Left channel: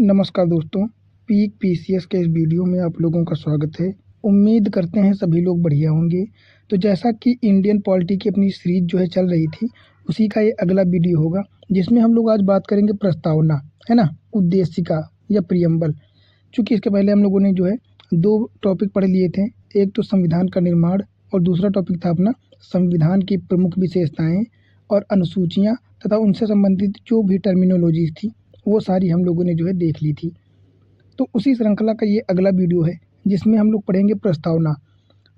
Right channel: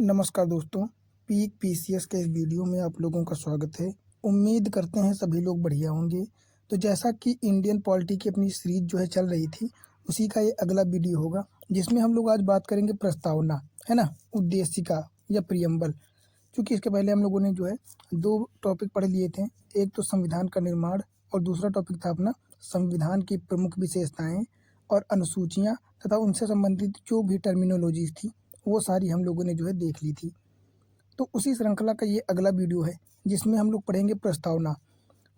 नमस्कार दोस्तों, peak PCS के इस वीडियो में आप लोगों का स्वागत है। उम्मीद करते हैं सभी लोग बढ़िया होंगे। तो जैसा कि इंडियन पॉलिटी की अपनी सीरीज जो है चल रही थी, उसी का ये अगला वीडियो होगा, जिसमें हम लोग आज बात करेंगे प्रस्तावना, है ना, उद्देशिका या प्रियम्बल। चूँकि इसके पहले हम लोगों ने जो है 2 टॉपिक पढ़ लिए थे। एक तो संविधान का निर्माण और दूसरा टॉपिक था अपना संविधान की प्रमुख विशेषताएँ और अनुसूचियाँ तथा उनसे संबंधित जो भी टर्मिनोलॉजीज़ थी, वो सारी हम लोगों ने जो है देख ली थी। तो उसी श्रृंखला का ये अगला वीडियो है, जिसमें हम लोग पढ़ेंगे प्रस्तावना।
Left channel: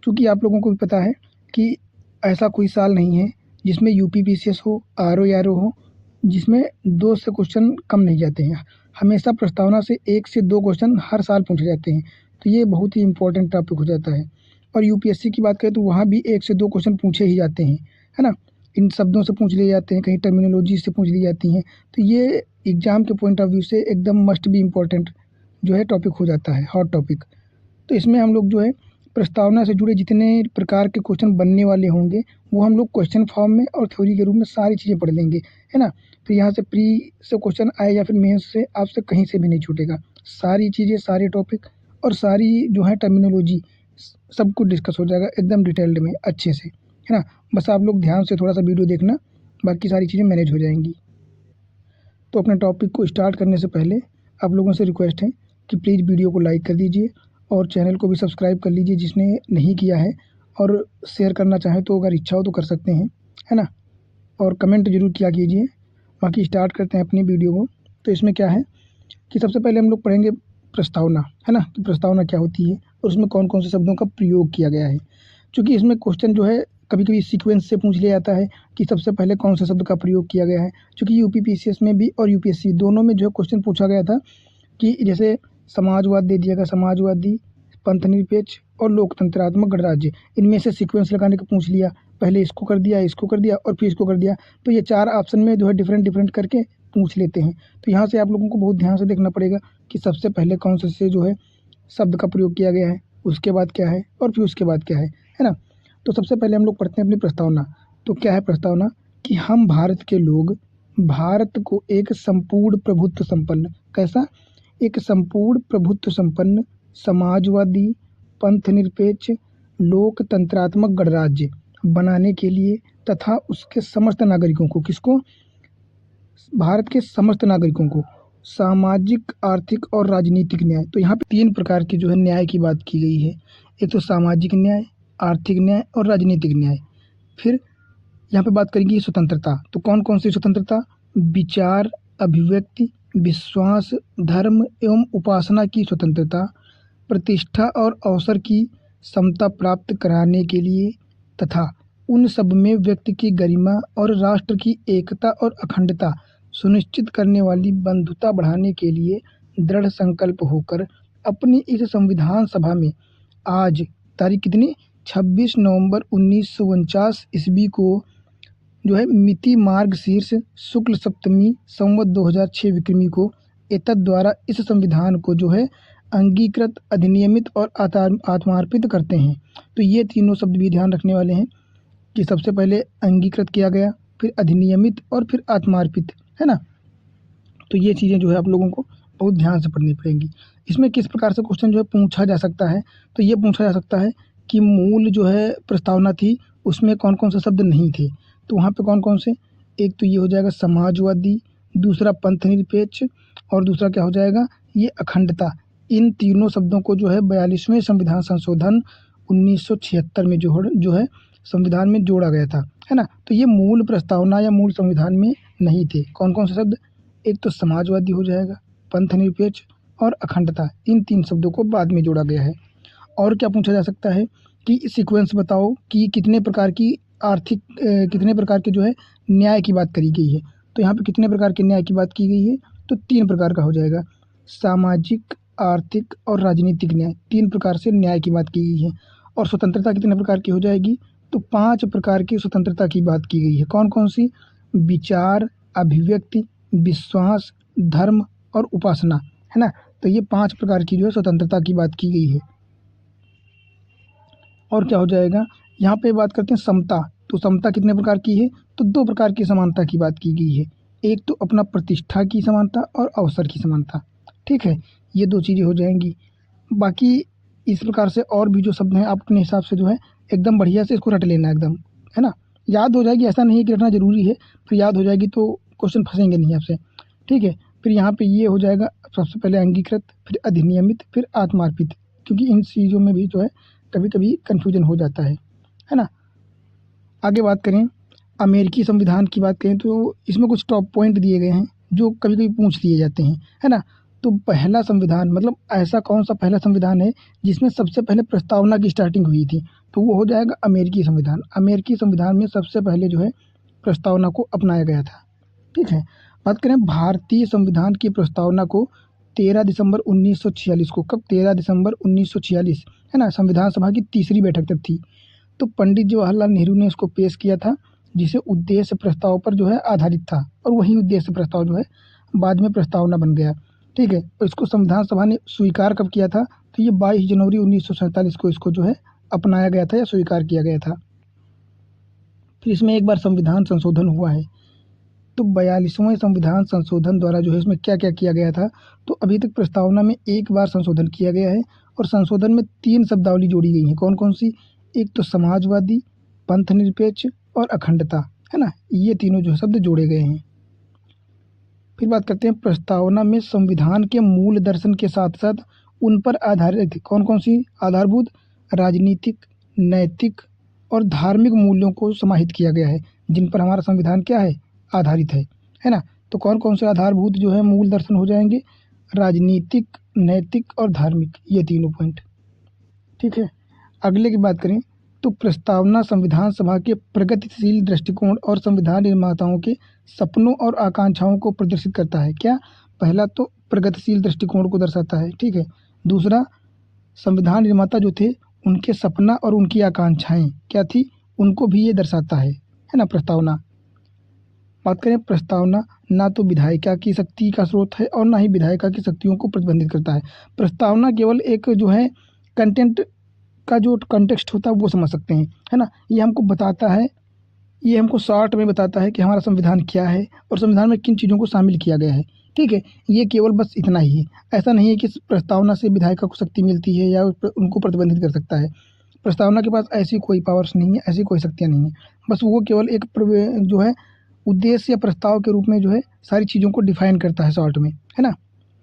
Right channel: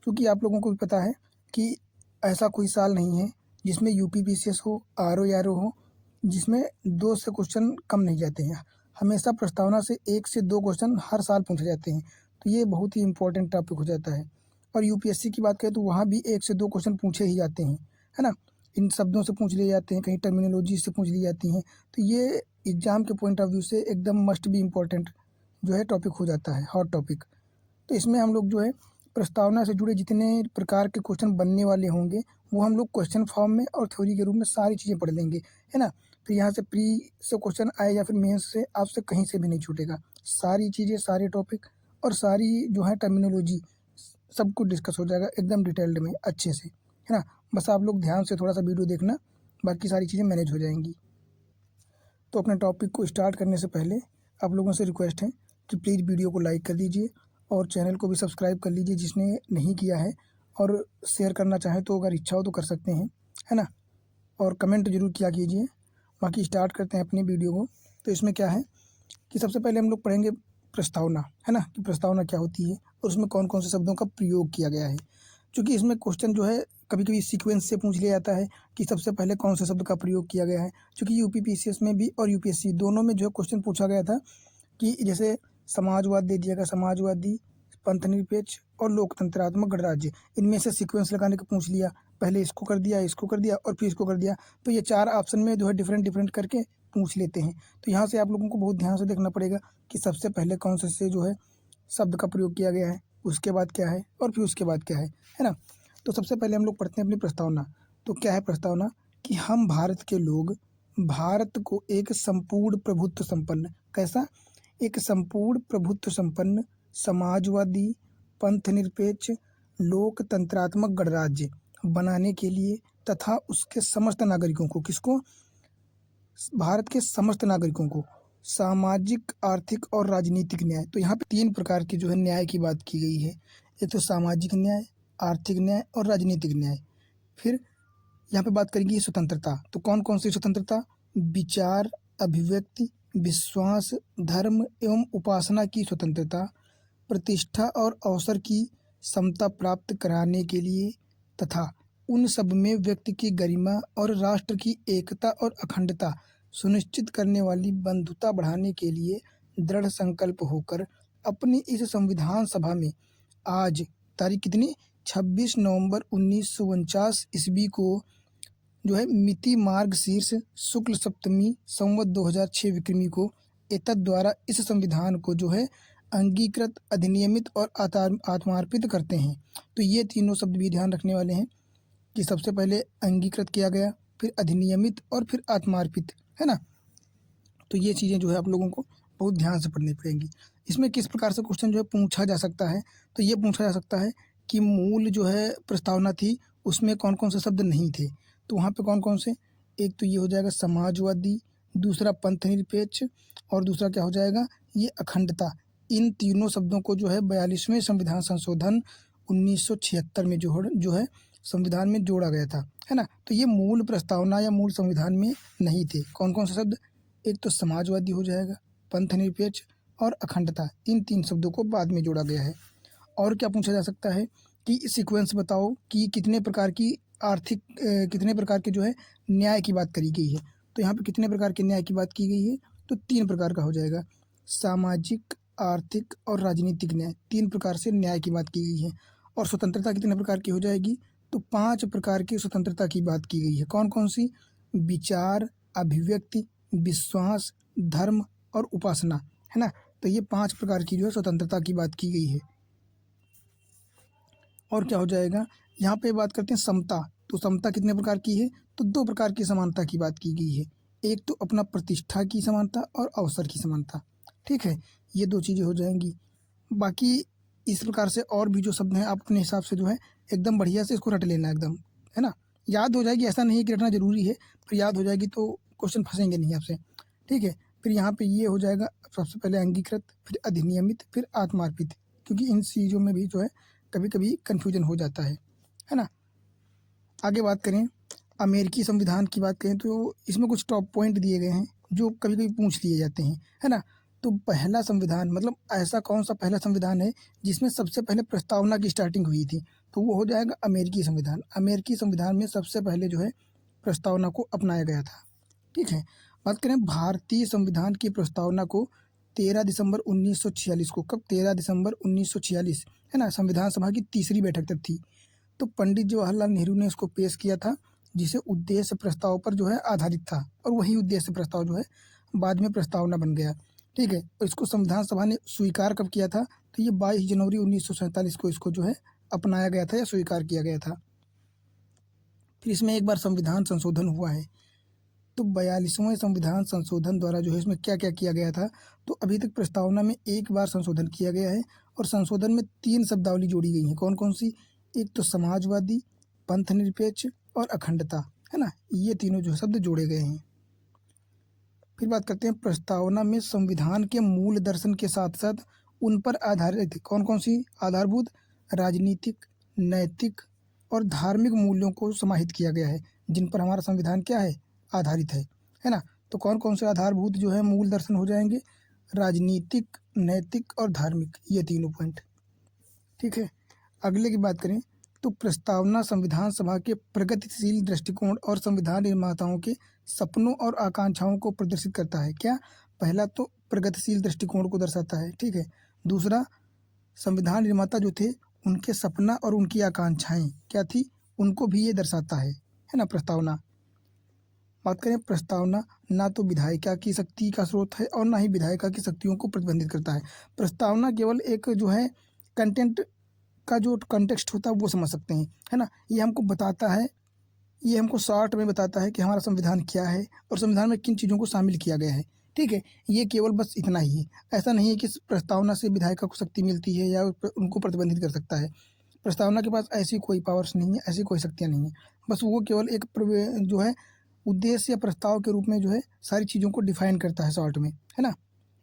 क्योंकि आप लोगों को भी पता है कि ऐसा कोई साल नहीं है जिसमें यूपी-पीसीएस हो, आरओ-आरओ हो, जिसमें 2 से क्वेश्चन कम नहीं जाते हैं। हमेशा प्रस्तावना से 1 से 2 क्वेश्चन हर साल पूछे जाते हैं। तो ये बहुत ही इम्पोर्टेंट टॉपिक हो जाता है। और यूपीएससी की बात करें तो वहाँ भी 1 से 2 क्वेश्चन पूछे ही जाते हैं, है ना? इन शब्दों से पूछ लिए जाते हैं, कहीं टर्मिनोलॉजी से पूछ ली जाती हैं। तो ये एग्ज़ाम के पॉइंट ऑफ व्यू से एकदम मस्ट बी इम्पोर्टेंट जो है टॉपिक हो जाता है, हॉट टॉपिक। तो इसमें हम लोग जो है प्रस्तावना से जुड़े जितने प्रकार के क्वेश्चन बनने वाले होंगे, वो हम लोग क्वेश्चन फॉर्म में और थ्योरी के रूप में सारी चीज़ें पढ़ लेंगे, है ना? फिर यहाँ से प्री से क्वेश्चन आए या फिर मेंस से, आपसे कहीं से भी नहीं छूटेगा। सारी चीज़ें, सारे टॉपिक और सारी जो है टर्मिनोलॉजी सब कुछ डिस्कस हो जाएगा एकदम डिटेल्ड में अच्छे से, है ना? बस आप लोग ध्यान से थोड़ा-सा वीडियो देखना, बाकी सारी चीज़ें मैनेज हो जाएँगी। तो अपने टॉपिक को स्टार्ट करने से पहले आप लोगों से रिक्वेस्ट है कि प्लीज़ वीडियो को लाइक कर दीजिए और चैनल को भी सब्सक्राइब कर लीजिए जिसने नहीं किया है, और शेयर करना चाहें तो अगर इच्छा हो तो कर सकते हैं, है ना? और कमेंट ज़रूर किया कीजिए। बाकी स्टार्ट करते हैं अपनी वीडियो को। तो इसमें क्या है कि सबसे पहले हम लोग पढ़ेंगे प्रस्तावना, है ना? कि प्रस्तावना क्या होती है और उसमें कौन-कौन से शब्दों का प्रयोग किया गया है। चूँकि इसमें क्वेश्चन जो है कभी-कभी सीक्वेंस से पूछ लिया जाता है कि सबसे पहले कौन से शब्द का प्रयोग किया गया है। चूँकि यूपी-पीसीएस में भी और यूपीएससी दोनों में जो है क्वेश्चन पूछा गया था कि जैसे समाजवाद दे दिया गया, समाजवादी, पंथनिरपेक्ष और लोकतंत्रात्मक गणराज्य, इनमें से सीक्वेंस लगाने का पूछ लिया। पहले इसको कर दिया, इसको कर दिया और फिर इसको कर दिया। तो ये 4 ऑप्शन में जो है डिफरेंट करके पूछ लेते हैं। तो यहाँ से आप लोगों को बहुत ध्यान से देखना पड़ेगा कि सबसे पहले कौन से जो है शब्द का प्रयोग किया गया है, उसके बाद क्या है और फिर उसके बाद क्या है ना? तो सबसे पहले हम लोग पढ़ते हैं अपनी प्रस्तावना। तो क्या है प्रस्तावना? कि हम भारत के लोग भारत को एक संपूर्ण प्रभुत्व संपन्न, कैसा? एक संपूर्ण प्रभुत्व संपन्न, समाजवादी, पंथनिरपेक्ष, लोकतंत्रात्मक गणराज्य बनाने के लिए तथा उसके समस्त नागरिकों को, किसको? भारत के समस्त नागरिकों को सामाजिक, आर्थिक और राजनीतिक न्याय। तो यहाँ पे 3 प्रकार के जो है न्याय की बात की गई है। एक तो सामाजिक न्याय, आर्थिक न्याय और राजनीतिक न्याय। फिर यहाँ पे बात करेंगे स्वतंत्रता। तो कौन-कौन सी स्वतंत्रता? विचार, अभिव्यक्ति, विश्वास, धर्म एवं उपासना की स्वतंत्रता, प्रतिष्ठा और अवसर की समता प्राप्त कराने के लिए तथा उन सब में व्यक्ति की गरिमा और राष्ट्र की एकता और अखंडता सुनिश्चित करने वाली बंधुता बढ़ाने के लिए दृढ़ संकल्प होकर अपनी इस संविधान सभा में आज तारीख कितनी? 26 नवंबर 1949 ईस्वी को जो है मिति मार्गशीर्ष शुक्ल सप्तमी संवत 2006 विक्रमी को एतद द्वारा इस संविधान को जो है अंगीकृत, अधिनियमित और आत्मार्पित करते हैं। तो ये तीनों शब्द भी ध्यान रखने वाले हैं कि सबसे पहले अंगीकृत किया गया, फिर अधिनियमित और फिर आत्मार्पित, है ना? तो ये चीज़ें जो है आप लोगों को बहुत ध्यान से पढ़नी पड़ेंगी। इसमें किस प्रकार से क्वेश्चन जो है पूछा जा सकता है? तो ये पूछा जा सकता है कि मूल जो है प्रस्तावना थी, उसमें कौन-कौन से शब्द नहीं थे। तो वहाँ पे कौन-कौन से? एक तो ये हो जाएगा समाजवादी, दूसरा पंथनिरपेक्ष और दूसरा क्या हो जाएगा? ये अखंडता। इन तीनों शब्दों को जो है 42वें संविधान संशोधन 1976 में जो है संविधान में जोड़ा गया था, है ना? तो ये मूल प्रस्तावना या मूल संविधान में नहीं थे। कौन-कौन से शब्द? एक तो समाजवादी हो जाएगा, पंथनिरपेक्ष और अखंडता। इन 3 शब्दों को बाद में जोड़ा गया है। और क्या पूछा जा सकता है कि सीक्वेंस बताओ कि कितने प्रकार की कितने प्रकार के जो है न्याय की बात करी गई है। तो यहाँ पे कितने प्रकार के न्याय की बात की गई है? तो 3 प्रकार का हो जाएगा। सामाजिक, आर्थिक और राजनीतिक न्याय, 3 प्रकार से न्याय की बात की गई है। और स्वतंत्रता कितने प्रकार की हो जाएगी? तो 5 प्रकार की स्वतंत्रता की बात की गई है। कौन-कौन सी? विचार, अभिव्यक्ति, विश्वास, धर्म और उपासना, है ना? तो ये 5 प्रकार की जो है स्वतंत्रता की बात की गई है। और क्या हो जाएगा? यहाँ पे बात करते हैं समता। तो समता कितने प्रकार की है? तो 2 प्रकार की समानता की बात की गई है। एक तो अपना प्रतिष्ठा की समानता और अवसर की समानता, ठीक है, ये 2 चीज़ें हो जाएँगी। बाकी इस प्रकार से और भी जो शब्द हैं आप अपने हिसाब से जो है एकदम बढ़िया से इसको रट लेना एकदम, है ना? याद हो जाएगी, ऐसा नहीं है कि रटना ज़रूरी है, फिर याद हो जाएगी तो क्वेश्चन फँसेंगे नहीं आपसे, ठीक है? फिर यहाँ पे ये हो जाएगा सबसे पहले अंगीकृत, फिर अधिनियमित, फिर आत्मार्पित, क्योंकि इन चीज़ों में भी जो है कभी-कभी कन्फ्यूजन हो जाता है ना? आगे बात करें, अमेरिकी संविधान की बात करें तो इसमें कुछ टॉप पॉइंट दिए गए हैं, जो कभी-कभी पूछ लिए जाते हैं, है ना? तो पहला संविधान मतलब ऐसा कौन-सा पहला संविधान है, जिसमें सबसे पहले प्रस्तावना की स्टार्टिंग हुई थी? तो वो हो जाएगा अमेरिकी संविधान। अमेरिकी संविधान में सबसे पहले जो है प्रस्तावना को अपनाया गया था, ठीक है? बात करें भारतीय संविधान की प्रस्तावना को 13 दिसंबर 1946 को, कब? 13 दिसंबर 1946, है ना? संविधान सभा की तीसरी बैठक तक थी। तो पंडित जवाहरलाल नेहरू ने इसको पेश किया था, जिसे उद्देश्य प्रस्ताव पर जो है आधारित था, और वही उद्देश्य प्रस्ताव जो है बाद में प्रस्तावना बन गया, ठीक है? और इसको संविधान सभा ने स्वीकार कब किया था? तो ये 22 जनवरी 1947 को इसको जो है अपनाया गया था या स्वीकार किया गया था। फिर इसमें एक बार संविधान संशोधन हुआ है, तो 42वें संविधान संशोधन द्वारा जो है इसमें क्या-क्या किया गया था? तो अभी तक प्रस्तावना में एक बार संशोधन किया गया है, और संशोधन में 3 शब्दावली जोड़ी गई हैं। कौन-कौन सी? एक तो समाजवादी, पंथनिरपेक्ष और अखंडता, है ना? ये तीनों जो शब्द जोड़े गए हैं। फिर बात करते हैं प्रस्तावना में संविधान के मूल दर्शन के साथ-साथ उन पर आधारित कौन-कौन सी आधारभूत राजनीतिक, नैतिक और धार्मिक मूल्यों को समाहित किया गया है, जिन पर हमारा संविधान क्या है? आधारित है ना? तो कौन-कौन से आधारभूत जो है मूल दर्शन हो जाएँगे? राजनीतिक, नैतिक और धार्मिक, ये तीनों पॉइंट, ठीक है? अगले की बात करें तो प्रस्तावना संविधान सभा के प्रगतिशील दृष्टिकोण और संविधान निर्माताओं के सपनों और आकांक्षाओं को प्रदर्शित करता है। क्या? पहला तो प्रगतिशील दृष्टिकोण को दर्शाता है, ठीक है? दूसरा, संविधान निर्माता जो थे उनके सपना और उनकी आकांक्षाएँ क्या थी, उनको भी ये दर्शाता है ना प्रस्तावना? बात करें प्रस्तावना ना तो विधायिका की शक्ति का स्रोत है और ना ही विधायिका की शक्तियों को प्रतिबंधित करता है। प्रस्तावना केवल एक जो है कंटेंट का जो कॉन्टेक्स्ट होता है वो समझ सकते हैं, है ना? ये हमको बताता है, ये हमको शॉर्ट में बताता है कि हमारा संविधान क्या है और संविधान में किन चीज़ों को शामिल किया गया है, ठीक है? ये केवल बस इतना ही है। ऐसा नहीं है कि प्रस्तावना से विधायिका को शक्ति मिलती है या उनको प्रतिबंधित कर सकता है। प्रस्तावना के पास ऐसी कोई पावर्स नहीं है, ऐसी कोई शक्तियाँ नहीं हैं। बस वो केवल एक जो है उद्देश्य या प्रस्ताव के रूप में जो है सारी चीज़ों को डिफाइन करता है शॉर्ट में, है ना?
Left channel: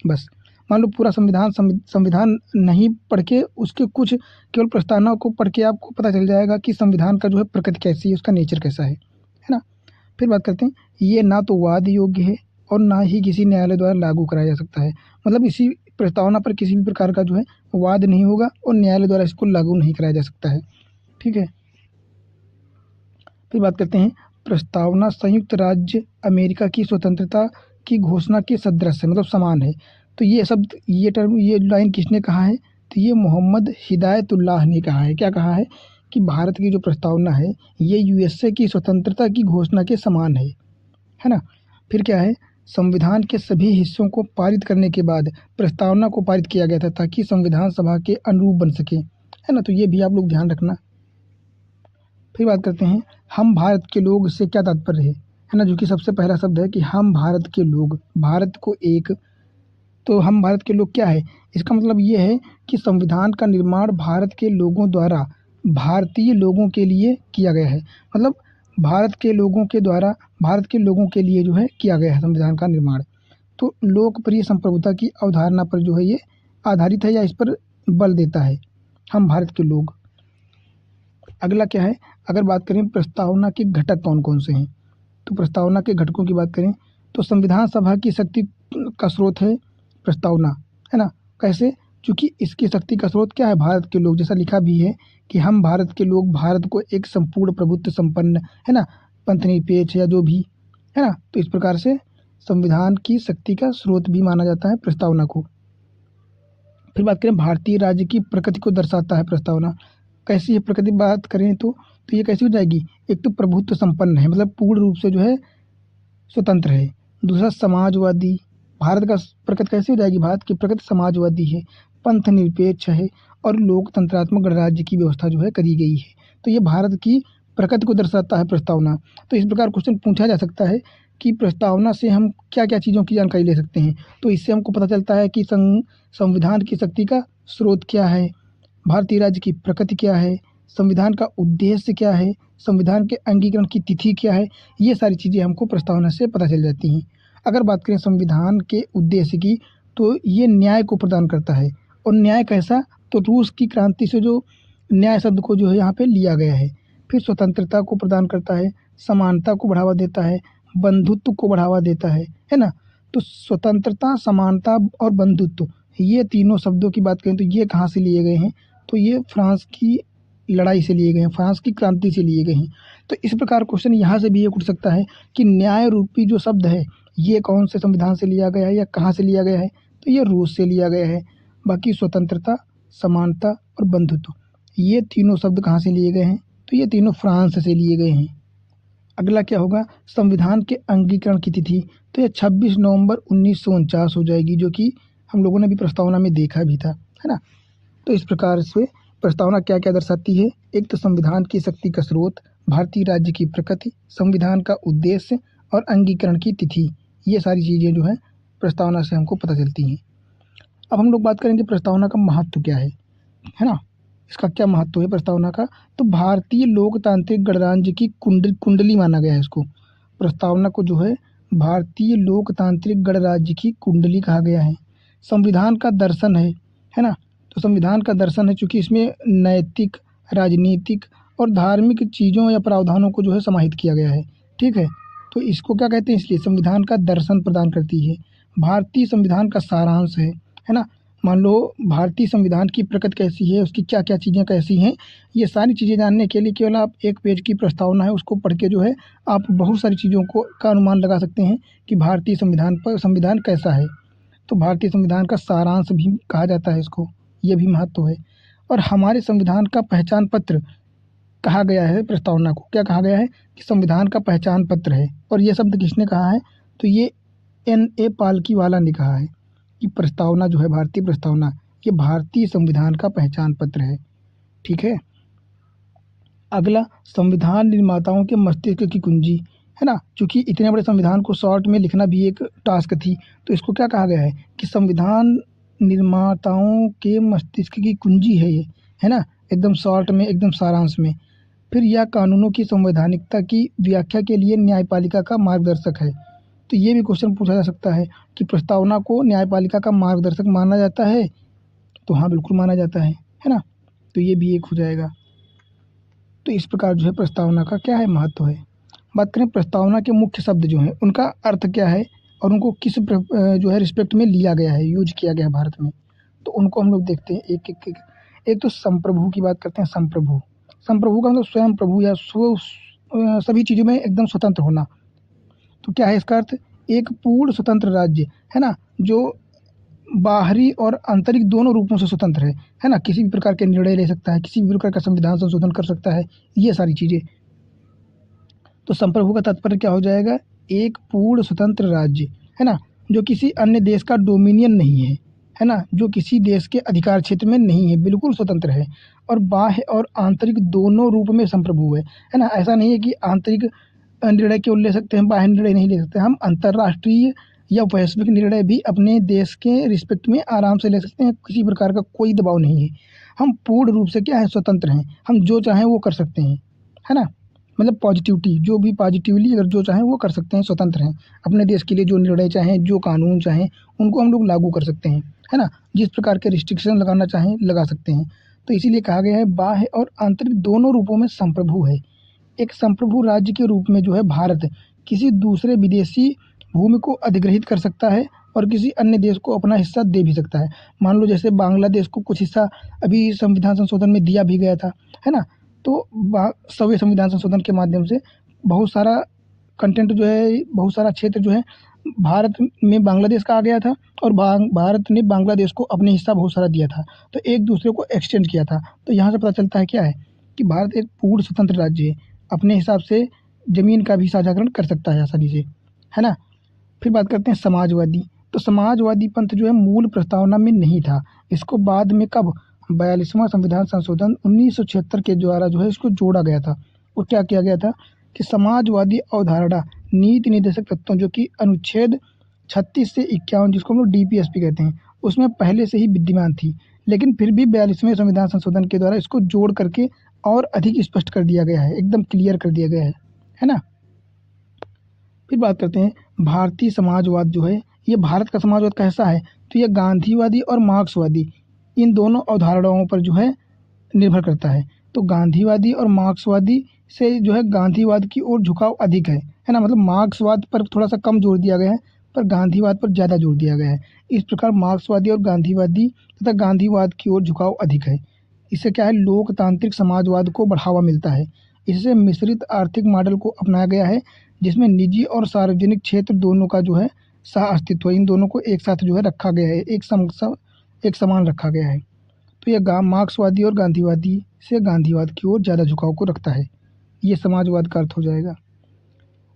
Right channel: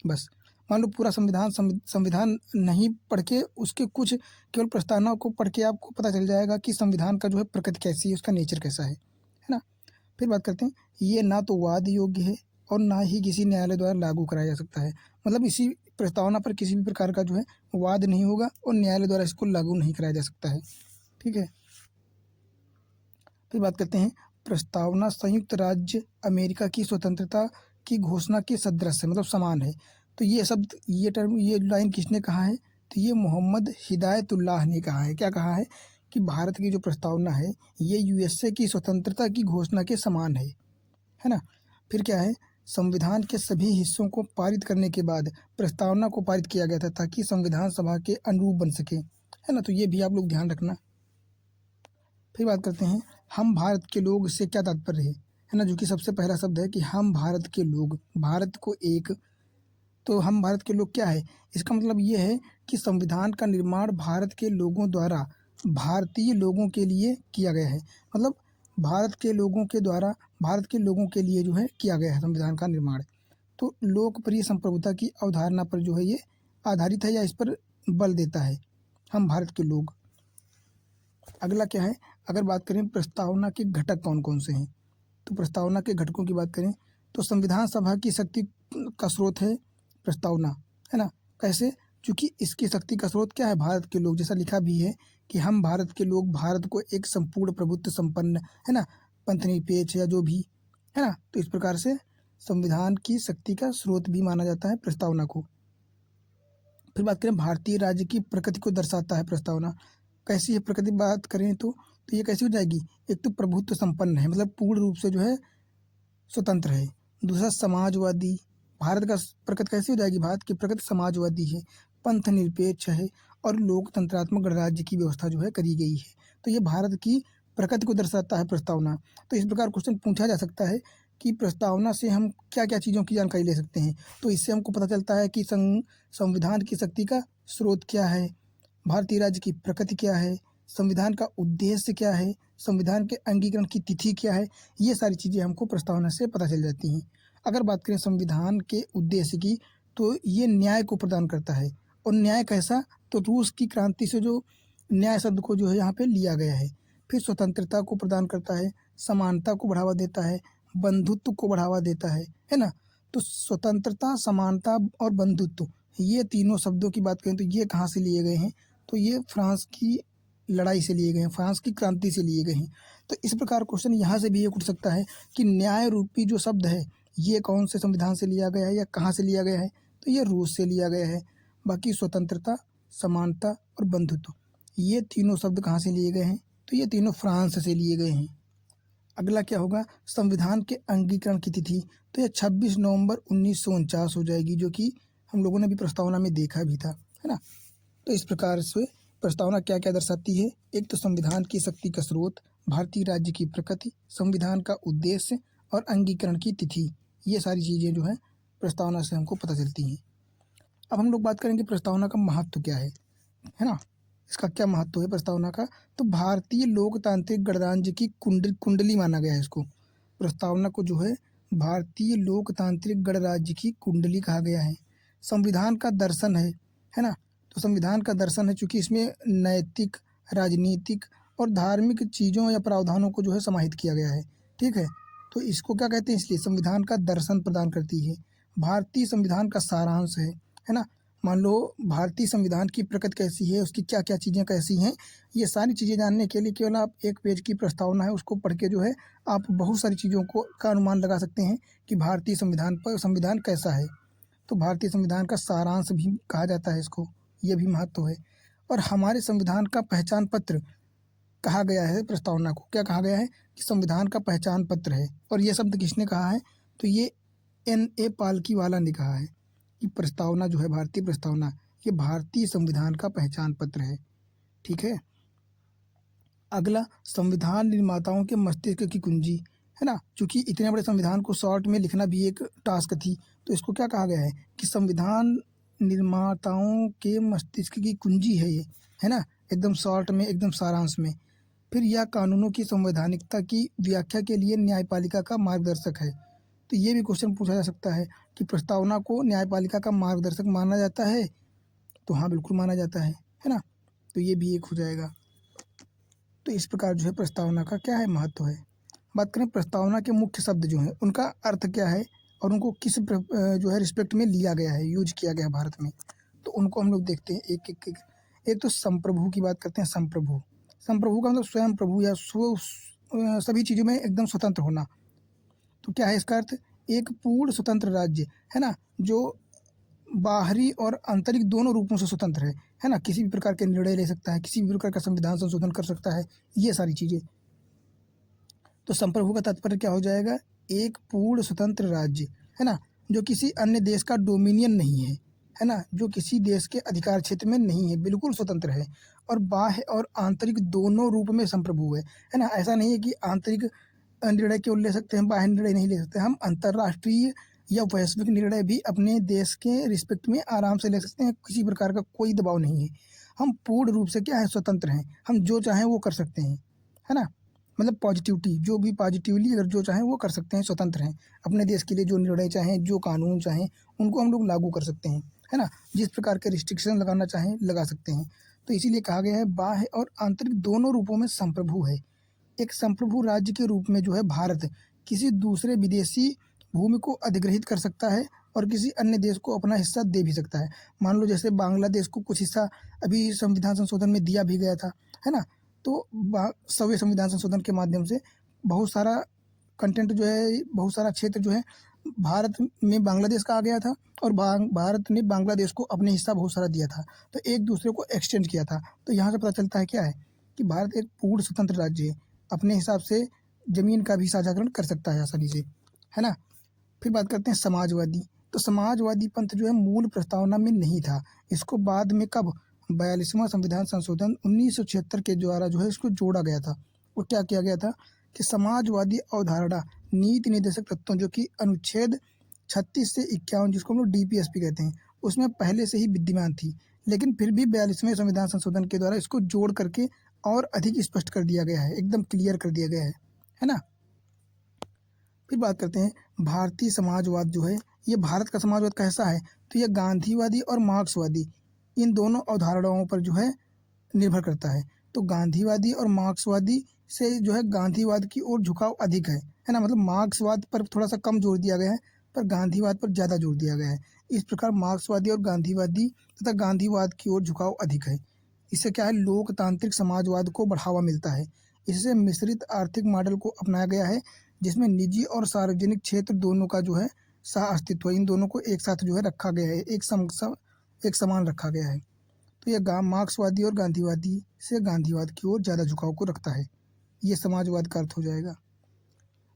बस। मान लो पूरा संविधान नहीं पढ़ के उसके कुछ केवल प्रस्तावना को पढ़ के आपको पता चल जाएगा कि संविधान का जो है प्रकृति कैसी है, उसका नेचर कैसा है ना? फिर बात करते हैं, ये ना तो वाद योग्य है और ना ही किसी न्यायालय द्वारा लागू कराया जा सकता है। मतलब इसी प्रस्तावना पर किसी भी प्रकार का जो है वाद नहीं होगा और न्यायालय द्वारा इसको लागू नहीं कराया जा सकता है, ठीक है? फिर बात करते हैं, प्रस्तावना संयुक्त राज्य अमेरिका की स्वतंत्रता की घोषणा के सदृश है, मतलब समान है। तो ये शब्द, ये टर्म, ये लाइन किसने कहा है? तो ये मोहम्मद हिदायतुल्लाह ने कहा है। क्या कहा है? कि भारत की जो प्रस्तावना है ये यूएसए की स्वतंत्रता की घोषणा के समान है ना? फिर क्या है? संविधान के सभी हिस्सों को पारित करने के बाद प्रस्तावना को पारित किया गया था ताकि संविधान सभा के अनुरूप बन सके, है ना? तो ये भी आप लोग ध्यान रखना। फिर बात करते हैं, हम भारत के लोग से क्या तात्पर्य है ना? जो कि सबसे पहला शब्द है कि हम भारत के लोग, भारत को एक, तो हम भारत के लोग क्या है? इसका मतलब ये है कि संविधान का निर्माण भारत के लोगों द्वारा भारतीय लोगों के लिए किया गया है। मतलब भारत के लोगों के द्वारा भारत के लोगों के लिए जो है किया गया है संविधान का निर्माण। तो लोकप्रिय संप्रभुता की अवधारणा पर जो है ये आधारित है या इस पर बल देता है, हम भारत के लोग। अगला क्या है? अगर बात करें प्रस्तावना के घटक कौन-कौन से हैं, तो प्रस्तावना के घटकों की बात करें तो संविधान सभा की शक्ति का स्रोत है प्रस्तावना, है ना? कैसे? क्योंकि इसकी शक्ति का स्रोत क्या है? भारत के लोग, जैसा लिखा भी है कि हम भारत के लोग भारत को एक संपूर्ण प्रभुत्व संपन्न, है ना, पंथनिरपेक्ष या जो भी, है ना? तो इस प्रकार से संविधान की शक्ति का स्रोत भी माना जाता है प्रस्तावना को। फिर बात करें भारतीय राज्य की प्रकृति को दर्शाता है प्रस्तावना। कैसी है प्रकृति? बात करें तो ये कैसी हो जाएगी? एक तो प्रभुत्व संपन्न है, मतलब पूर्ण रूप से जो है स्वतंत्र है। दूसरा समाजवादी, भारत का प्रकृति कैसी हो जाएगी? भारत की प्रकृति समाजवादी है, पंथ निरपेक्ष है और लोकतंत्रात्मक गणराज्य की व्यवस्था जो है करी गई है। तो ये भारत की प्रकृति को दर्शाता है प्रस्तावना। तो इस प्रकार क्वेश्चन पूछा जा सकता है कि प्रस्तावना से हम क्या-क्या चीज़ों की जानकारी ले सकते हैं। तो इससे हमको पता चलता है कि संविधान की शक्ति का स्रोत क्या है, भारतीय राज्य की प्रकृति क्या है, संविधान का उद्देश्य क्या है, संविधान के अंगीकरण की तिथि क्या है, ये सारी चीज़ें हमको प्रस्तावना से पता चल जाती हैं। अगर बात करें संविधान के उद्देश्य की, तो ये न्याय को प्रदान करता है। और न्याय कैसा? तो रूस की क्रांति से जो न्याय शब्द को जो है यहाँ पे लिया गया है। फिर स्वतंत्रता को प्रदान करता है, समानता को बढ़ावा देता है, बंधुत्व को बढ़ावा देता है ना? तो स्वतंत्रता, समानता और बंधुत्व, ये तीनों शब्दों की बात करें तो ये कहाँ से लिए गए हैं? तो ये फ्रांस की लड़ाई से लिए गए हैं, फ्रांस की क्रांति से लिए गए हैं। तो इस प्रकार क्वेश्चन यहाँ से भी ये उठ सकता है कि न्याय रूपी जो शब्द है, ये कौन से संविधान से लिया गया है या कहाँ से लिया गया है? तो ये रूस से लिया गया है। बाकी स्वतंत्रता, समानता और बंधुत्व, ये तीनों शब्द कहाँ से लिए गए हैं? तो ये तीनों फ्रांस से लिए गए हैं। अगला क्या होगा? संविधान के अंगीकरण की तिथि, तो ये 26 नवंबर 1949 हो जाएगी, जो कि हम लोगों ने भी प्रस्तावना में देखा भी था, है ना? तो इस प्रकार से प्रस्तावना क्या-क्या दर्शाती है? एक तो संविधान की शक्ति का स्रोत, भारतीय राज्य की प्रकृति, संविधान का उद्देश्य और अंगीकरण की तिथि, ये सारी चीज़ें जो हैं प्रस्तावना से हमको पता चलती हैं। अब हम लोग बात करेंगे प्रस्तावना का महत्व क्या है ना? इसका क्या महत्व है प्रस्तावना का? तो भारतीय लोकतांत्रिक गणराज्य की कुंडली माना गया है इसको। प्रस्तावना को जो है भारतीय लोकतांत्रिक गणराज्य की कुंडली कहा गया है। संविधान का दर्शन है ना? तो संविधान का दर्शन है चूँकि इसमें नैतिक, राजनीतिक और धार्मिक चीज़ों या प्रावधानों को जो है समाहित किया गया है, ठीक है? तो इसको क्या कहते हैं? इसलिए संविधान का दर्शन प्रदान करती है। भारतीय संविधान का सारांश है ना? मान लो भारतीय संविधान की प्रकृति कैसी है, उसकी क्या-क्या चीज़ें कैसी हैं, ये सारी चीज़ें जानने के लिए केवल आप एक पेज की प्रस्तावना है उसको पढ़ के जो है आप बहुत सारी चीज़ों को का अनुमान लगा सकते हैं कि भारतीय संविधान कैसा है। तो भारतीय संविधान का सारांश भी कहा जाता है इसको, ये भी महत्व है। और हमारे संविधान का पहचान पत्र कहा गया है प्रस्तावना को, क्या कहा गया है? कि संविधान का पहचान पत्र है। और ये शब्द किसने कहा है? तो ये N.A. पालकीवाला ने कहा है कि प्रस्तावना जो है, भारतीय प्रस्तावना, ये भारतीय संविधान का पहचान पत्र है, ठीक है? अगला, संविधान निर्माताओं के मस्तिष्क की कुंजी, है ना? चूँकि इतने बड़े संविधान को शॉर्ट में लिखना भी एक टास्क थी, तो इसको क्या कहा गया है कि संविधान निर्माताओं के मस्तिष्क की कुंजी है ये, है ना? एकदम शॉर्ट में, एकदम सारांश में। फिर यह कानूनों की संवैधानिकता की व्याख्या के लिए न्यायपालिका का मार्गदर्शक है। तो ये भी क्वेश्चन पूछा जा सकता है कि प्रस्तावना को न्यायपालिका का मार्गदर्शक माना जाता है? तो हाँ, बिल्कुल माना जाता है ना? तो ये भी एक हो जाएगा। तो इस प्रकार जो है प्रस्तावना का क्या है? महत्व है। बात करें प्रस्तावना के मुख्य शब्द जो हैं, उनका अर्थ क्या है और उनको किस जो है रिस्पेक्ट में लिया गया है, यूज किया गया है भारत में, तो उनको हम लोग देखते हैं एक-एक। एक तो संप्रभु की बात करते हैं। संप्रभु, संप्रभु का मतलब स्वयं प्रभु या सभी चीज़ों में एकदम स्वतंत्र होना। तो क्या है इसका अर्थ? एक पूर्ण स्वतंत्र राज्य, है ना? जो बाहरी और आंतरिक दोनों रूपों से स्वतंत्र है ना? किसी भी प्रकार के निर्णय ले सकता है, किसी भी प्रकार का संविधान संशोधन कर सकता है, ये सारी चीज़ें। तो संप्रभु का तात्पर्य क्या हो जाएगा? एक पूर्ण स्वतंत्र राज्य, है ना? जो किसी अन्य देश का डोमिनियन नहीं है ना? जो किसी देश के अधिकार क्षेत्र में नहीं है, बिल्कुल स्वतंत्र है और बाह्य और आंतरिक दोनों रूप में संप्रभु है ना? ऐसा नहीं है कि आंतरिक निर्णय केवल ले सकते हैं, बाह्य निर्णय नहीं ले सकते। हम अंतर्राष्ट्रीय या वैश्विक निर्णय भी अपने देश के रिस्पेक्ट में आराम से ले सकते हैं, किसी प्रकार का कोई दबाव नहीं है। हम पूर्ण रूप से क्या है? स्वतंत्र हैं। हम जो चाहें वो कर सकते हैं, है ना? मतलब पॉजिटिविटी, जो भी पॉजिटिवली अगर जो चाहें वो कर सकते हैं, स्वतंत्र हैं। अपने देश के लिए जो निर्णय चाहें, जो कानून चाहें, उनको हम लोग लागू कर सकते हैं, है ना? जिस प्रकार के रिस्ट्रिक्शन लगाना चाहें, लगा सकते हैं। तो इसीलिए कहा गया है बाह्य और आंतरिक दोनों रूपों में संप्रभु है। एक संप्रभु राज्य के रूप में जो है भारत किसी दूसरे विदेशी भूमि को अधिग्रहित कर सकता है और किसी अन्य देश को अपना हिस्सा दे भी सकता है। मान लो जैसे बांग्लादेश को कुछ हिस्सा अभी संविधान संशोधन में दिया भी गया था, है ना? तो 100वें संविधान संशोधन के माध्यम से बहुत सारा कंटेंट जो है, बहुत सारा क्षेत्र जो है भारत में बांग्लादेश का आ गया था और भारत ने बांग्लादेश को अपने हिस्सा बहुत सारा दिया था। तो एक दूसरे को एक्सटेंड किया था। तो यहाँ से पता चलता है क्या है कि भारत एक पूर्ण स्वतंत्र राज्य है, अपने हिसाब से ज़मीन का भी साझाकरण कर सकता है आसानी से, है ना? फिर बात करते हैं समाजवादी। तो समाजवादी पंथ जो है मूल प्रस्तावना में नहीं था। इसको बाद में कब 42वां संविधान संशोधन 1976 के द्वारा जो है इसको जोड़ा गया था। और क्या किया गया था कि समाजवादी अवधारणा नीति निर्देशक तत्वों जो कि अनुच्छेद 36 से 51 जिसको हम लोग डीपीएसपी कहते हैं उसमें पहले से ही विद्यमान थी, लेकिन फिर भी 42वें संविधान संशोधन के द्वारा इसको जोड़ करके और अधिक स्पष्ट कर दिया गया है, एकदम क्लियर कर दिया गया है ना। फिर बात करते हैं भारतीय समाजवाद जो है, ये भारत का समाजवाद कैसा है, तो ये गांधीवादी और मार्क्सवादी इन दोनों अवधारणाओं पर जो है निर्भर करता है। तो गांधीवादी और मार्क्सवादी से जो है गांधीवाद की ओर झुकाव अधिक है ना, मतलब मार्क्सवाद पर थोड़ा सा कम जोर दिया गया है पर गांधीवाद पर ज़्यादा जोर दिया गया है। इस प्रकार मार्क्सवादी और गांधीवादी तथा गांधीवाद की ओर झुकाव अधिक है। इससे क्या है, लोकतांत्रिक समाजवाद को बढ़ावा मिलता है। इससे मिश्रित आर्थिक मॉडल को अपनाया गया है जिसमें निजी और सार्वजनिक क्षेत्र दोनों का जो है सह अस्तित्व, इन दोनों को एक साथ जो है रखा गया है, एक समान रखा गया है। तो यह मार्क्सवादी और गांधीवादी से गांधीवाद की ओर ज़्यादा झुकाव को रखता है। ये समाजवाद का अर्थ हो जाएगा।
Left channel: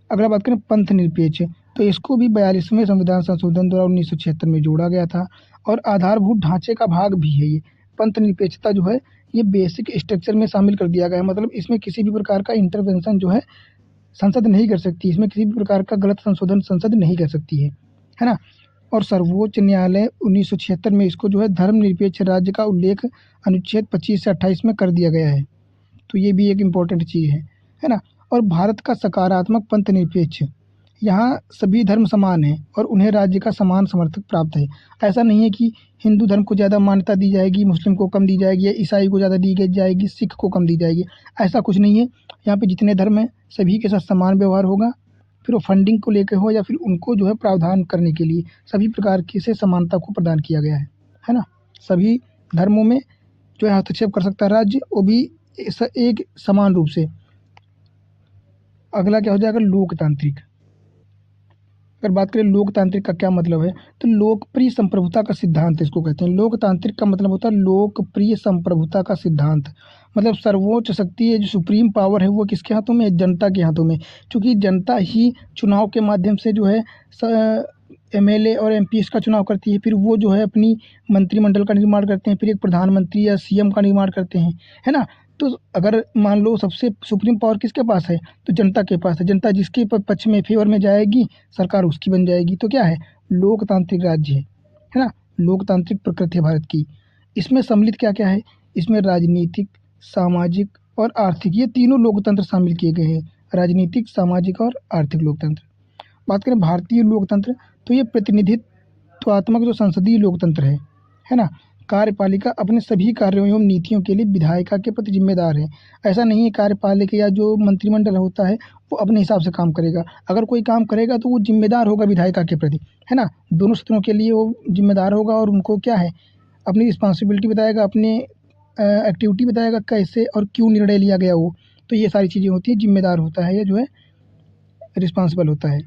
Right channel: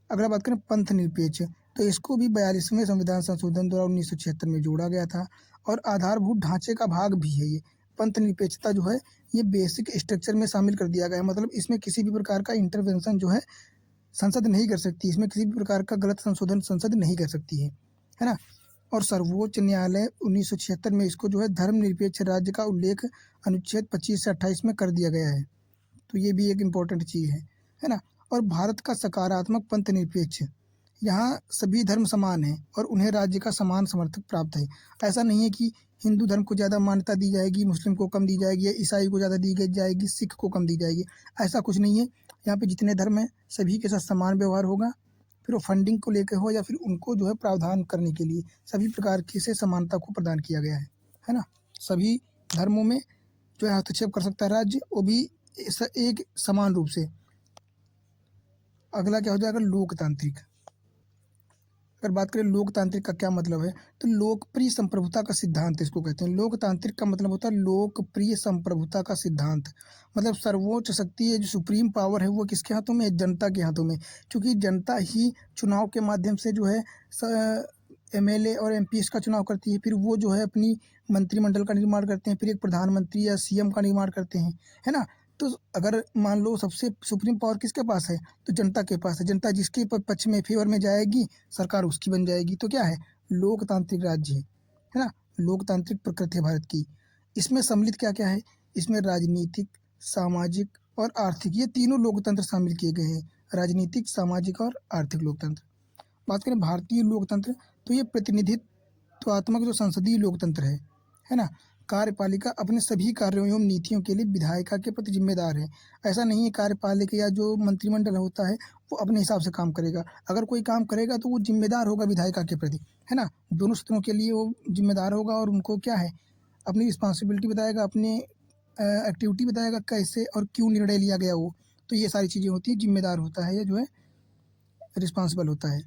अगर बात करें पंथ निरपेक्ष, तो इसको भी 42वें संविधान संशोधन द्वारा 1976 में जोड़ा गया था और आधारभूत ढांचे का भाग भी है। ये पंथ निरपेक्षता जो है ये बेसिक स्ट्रक्चर में शामिल कर दिया गया है, मतलब इसमें किसी भी प्रकार का इंटरवेंशन जो है संसद नहीं कर सकती, इसमें किसी भी प्रकार का गलत संशोधन संसद नहीं कर सकती है ना। और सर्वोच्च न्यायालय 1976 में इसको जो है धर्मनिरपेक्ष राज्य का उल्लेख अनुच्छेद 25 से 28 में कर दिया गया है। तो ये भी एक इम्पोर्टेंट चीज़ है ना। और भारत का सकारात्मक पंथ निरपेक्ष, यहाँ सभी धर्म समान हैं और उन्हें राज्य का समान समर्थक प्राप्त है। ऐसा नहीं है कि हिंदू धर्म को ज़्यादा मान्यता दी जाएगी, मुस्लिम को कम दी जाएगी, या ईसाई को ज़्यादा दी जाएगी, सिख को कम दी जाएगी, ऐसा कुछ नहीं है। यहाँ पे जितने धर्म हैं सभी के साथ समान व्यवहार होगा। फिर वो फंडिंग को लेकर हो या फिर उनको जो है प्रावधान करने के लिए सभी प्रकार की से समानता को प्रदान किया गया है ना। सभी धर्मों में जो है हस्तक्षेप कर सकता है राज्य, वो भी एक समान रूप से। अगला क्या हो जाएगा, लोकतांत्रिक। अगर बात करें लोकतांत्रिक का क्या मतलब है, तो लोकप्रिय संप्रभुता का सिद्धांत इसको कहते हैं। लोकतांत्रिक का मतलब होता है लोकप्रिय संप्रभुता का सिद्धांत, मतलब सर्वोच्च शक्ति है, जो सुप्रीम पावर है वो किसके हाथों में है, जनता के हाथों में। क्योंकि जनता ही चुनाव के माध्यम से जो है एमएलए और एमपी का चुनाव करती है, फिर वो जो है अपनी मंत्रिमंडल का निर्माण करते हैं, फिर एक प्रधानमंत्री या सीएम का निर्माण करते हैं, है ना। तो अगर मान लो सबसे सुप्रीम पावर किसके पास है, तो जनता के पास है। जनता जिसके पक्ष में फेवर में जाएगी सरकार उसकी बन जाएगी। तो क्या है, लोकतांत्रिक राज्य है ना, लोकतांत्रिक प्रकृति है भारत की। इसमें सम्मिलित क्या क्या है, इसमें राजनीतिक, सामाजिक और आर्थिक, ये तीनों लोकतंत्र शामिल किए गए हैं, राजनीतिक, सामाजिक और आर्थिक लोकतंत्र। बात करें भारतीय लोकतंत्र, तो ये प्रतिनिधित्वात्मक जो संसदीय लोकतंत्र है ना। कार्यपालिका अपने सभी कार्यों एवं नीतियों के लिए विधायिका के प्रति जिम्मेदार है। ऐसा नहीं है कार्यपालिका या जो मंत्रिमंडल होता है वो अपने हिसाब से काम करेगा, अगर कोई काम करेगा तो वो जिम्मेदार होगा विधायिका के प्रति, है ना। दोनों सदनों के लिए वो जिम्मेदार होगा और उनको क्या है, अपनी रिस्पॉन्सिबिलिटी बताएगा, अपने एक्टिविटी बताएगा, कैसे और क्यों निर्णय लिया गया वो। तो ये सारी चीज़ें होती है, जिम्मेदार होता है, ये जो है रिस्पॉन्सिबल होता है।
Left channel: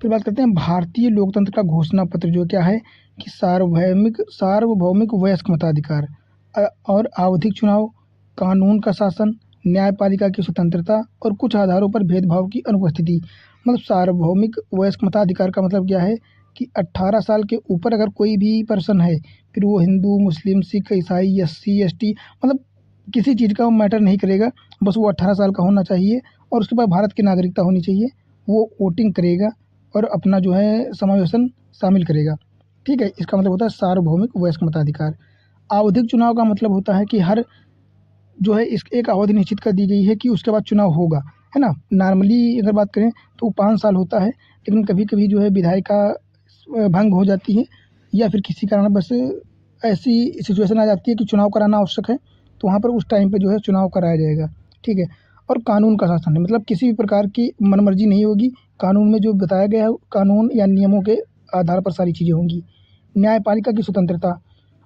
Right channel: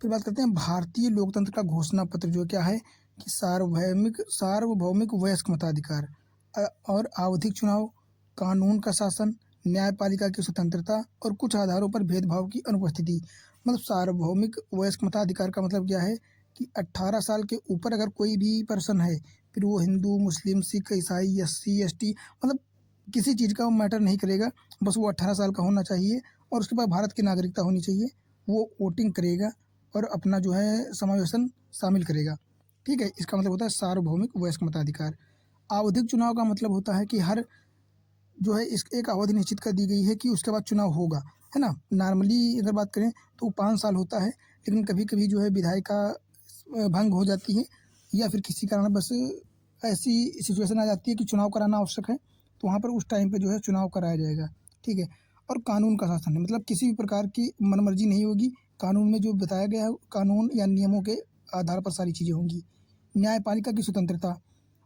फिर बात करते हैं भारतीय लोकतंत्र का घोषणा पत्र, जो क्या है कि सार्वभौमिक वयस्क मताधिकार और आवधिक चुनाव, कानून का शासन, न्यायपालिका की स्वतंत्रता और कुछ आधारों पर भेदभाव की अनुपस्थिति। मतलब सार्वभौमिक वयस्क मताधिकार का मतलब क्या है कि 18 साल के ऊपर अगर कोई भी पर्सन है, फिर वो हिंदू, मुस्लिम, सिख, ईसाई, एससी, एसटी, मतलब किसी चीज़ का मैटर नहीं करेगा, बस वो 18 साल का होना चाहिए और उसके बाद भारत की नागरिकता होनी चाहिए। वो वोटिंग करेगा और अपना जो है समावेशन शामिल करेगा, ठीक है। इसका मतलब होता है सार्वभौमिक वयस्क मताधिकार। आवधिक चुनाव का मतलब होता है कि हर जो है इस एक अवधि निश्चित कर दी गई है कि उसके बाद चुनाव होगा, है ना। नॉर्मली अगर बात करें तो 5 साल होता है, लेकिन कभी कभी जो है विधायिका भंग हो जाती है या फिर किसी कारण बस ऐसी सिचुएशन आ जाती है कि चुनाव कराना आवश्यक है, तो वहाँ पर उस टाइम पे जो है चुनाव कराया जाएगा, ठीक है। और कानून का शासन है, मतलब किसी भी प्रकार की मनमर्जी नहीं होगी, कानून में जो बताया गया है कानून या नियमों के आधार पर सारी चीज़ें होंगी। न्यायपालिका की स्वतंत्रता,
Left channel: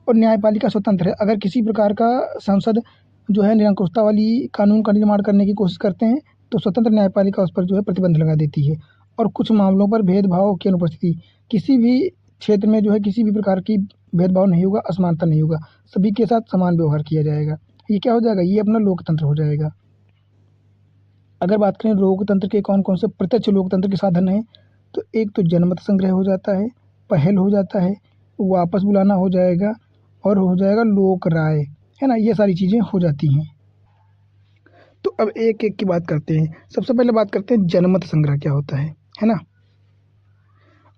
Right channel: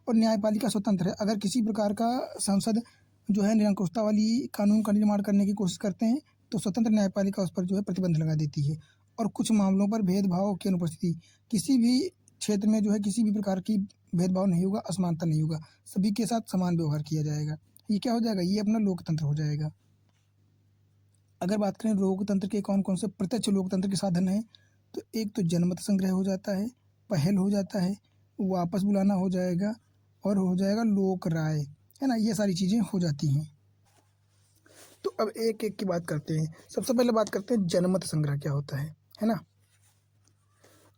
और न्यायपालिका स्वतंत्र है, अगर किसी प्रकार का सांसद जो है निरंकुशता वाली कानून का निर्माण करने की कोशिश करते हैं तो स्वतंत्र न्यायपालिका उस पर जो है प्रतिबंध लगा देती है। और कुछ मामलों पर भेदभाव की अनुपस्थिति, किसी भी क्षेत्र में जो है किसी भी प्रकार की भेदभाव नहीं होगा, असमानता नहीं होगा, सभी के साथ समान व्यवहार किया जाएगा। ये क्या हो जाएगा, ये अपना लोकतंत्र हो जाएगा। अगर बात करें लोकतंत्र के कौन कौन से प्रत्यक्ष लोकतंत्र के साधन हैं, तो एक तो जनमत संग्रह हो जाता है, पहल हो जाता है, वापस बुलाना हो जाएगा और हो जाएगा लोक राय, है ना। ये सारी चीज़ें हो जाती हैं। तो अब एक एक की बात करते हैं। सबसे पहले बात करते हैं जनमत संग्रह क्या होता है ना।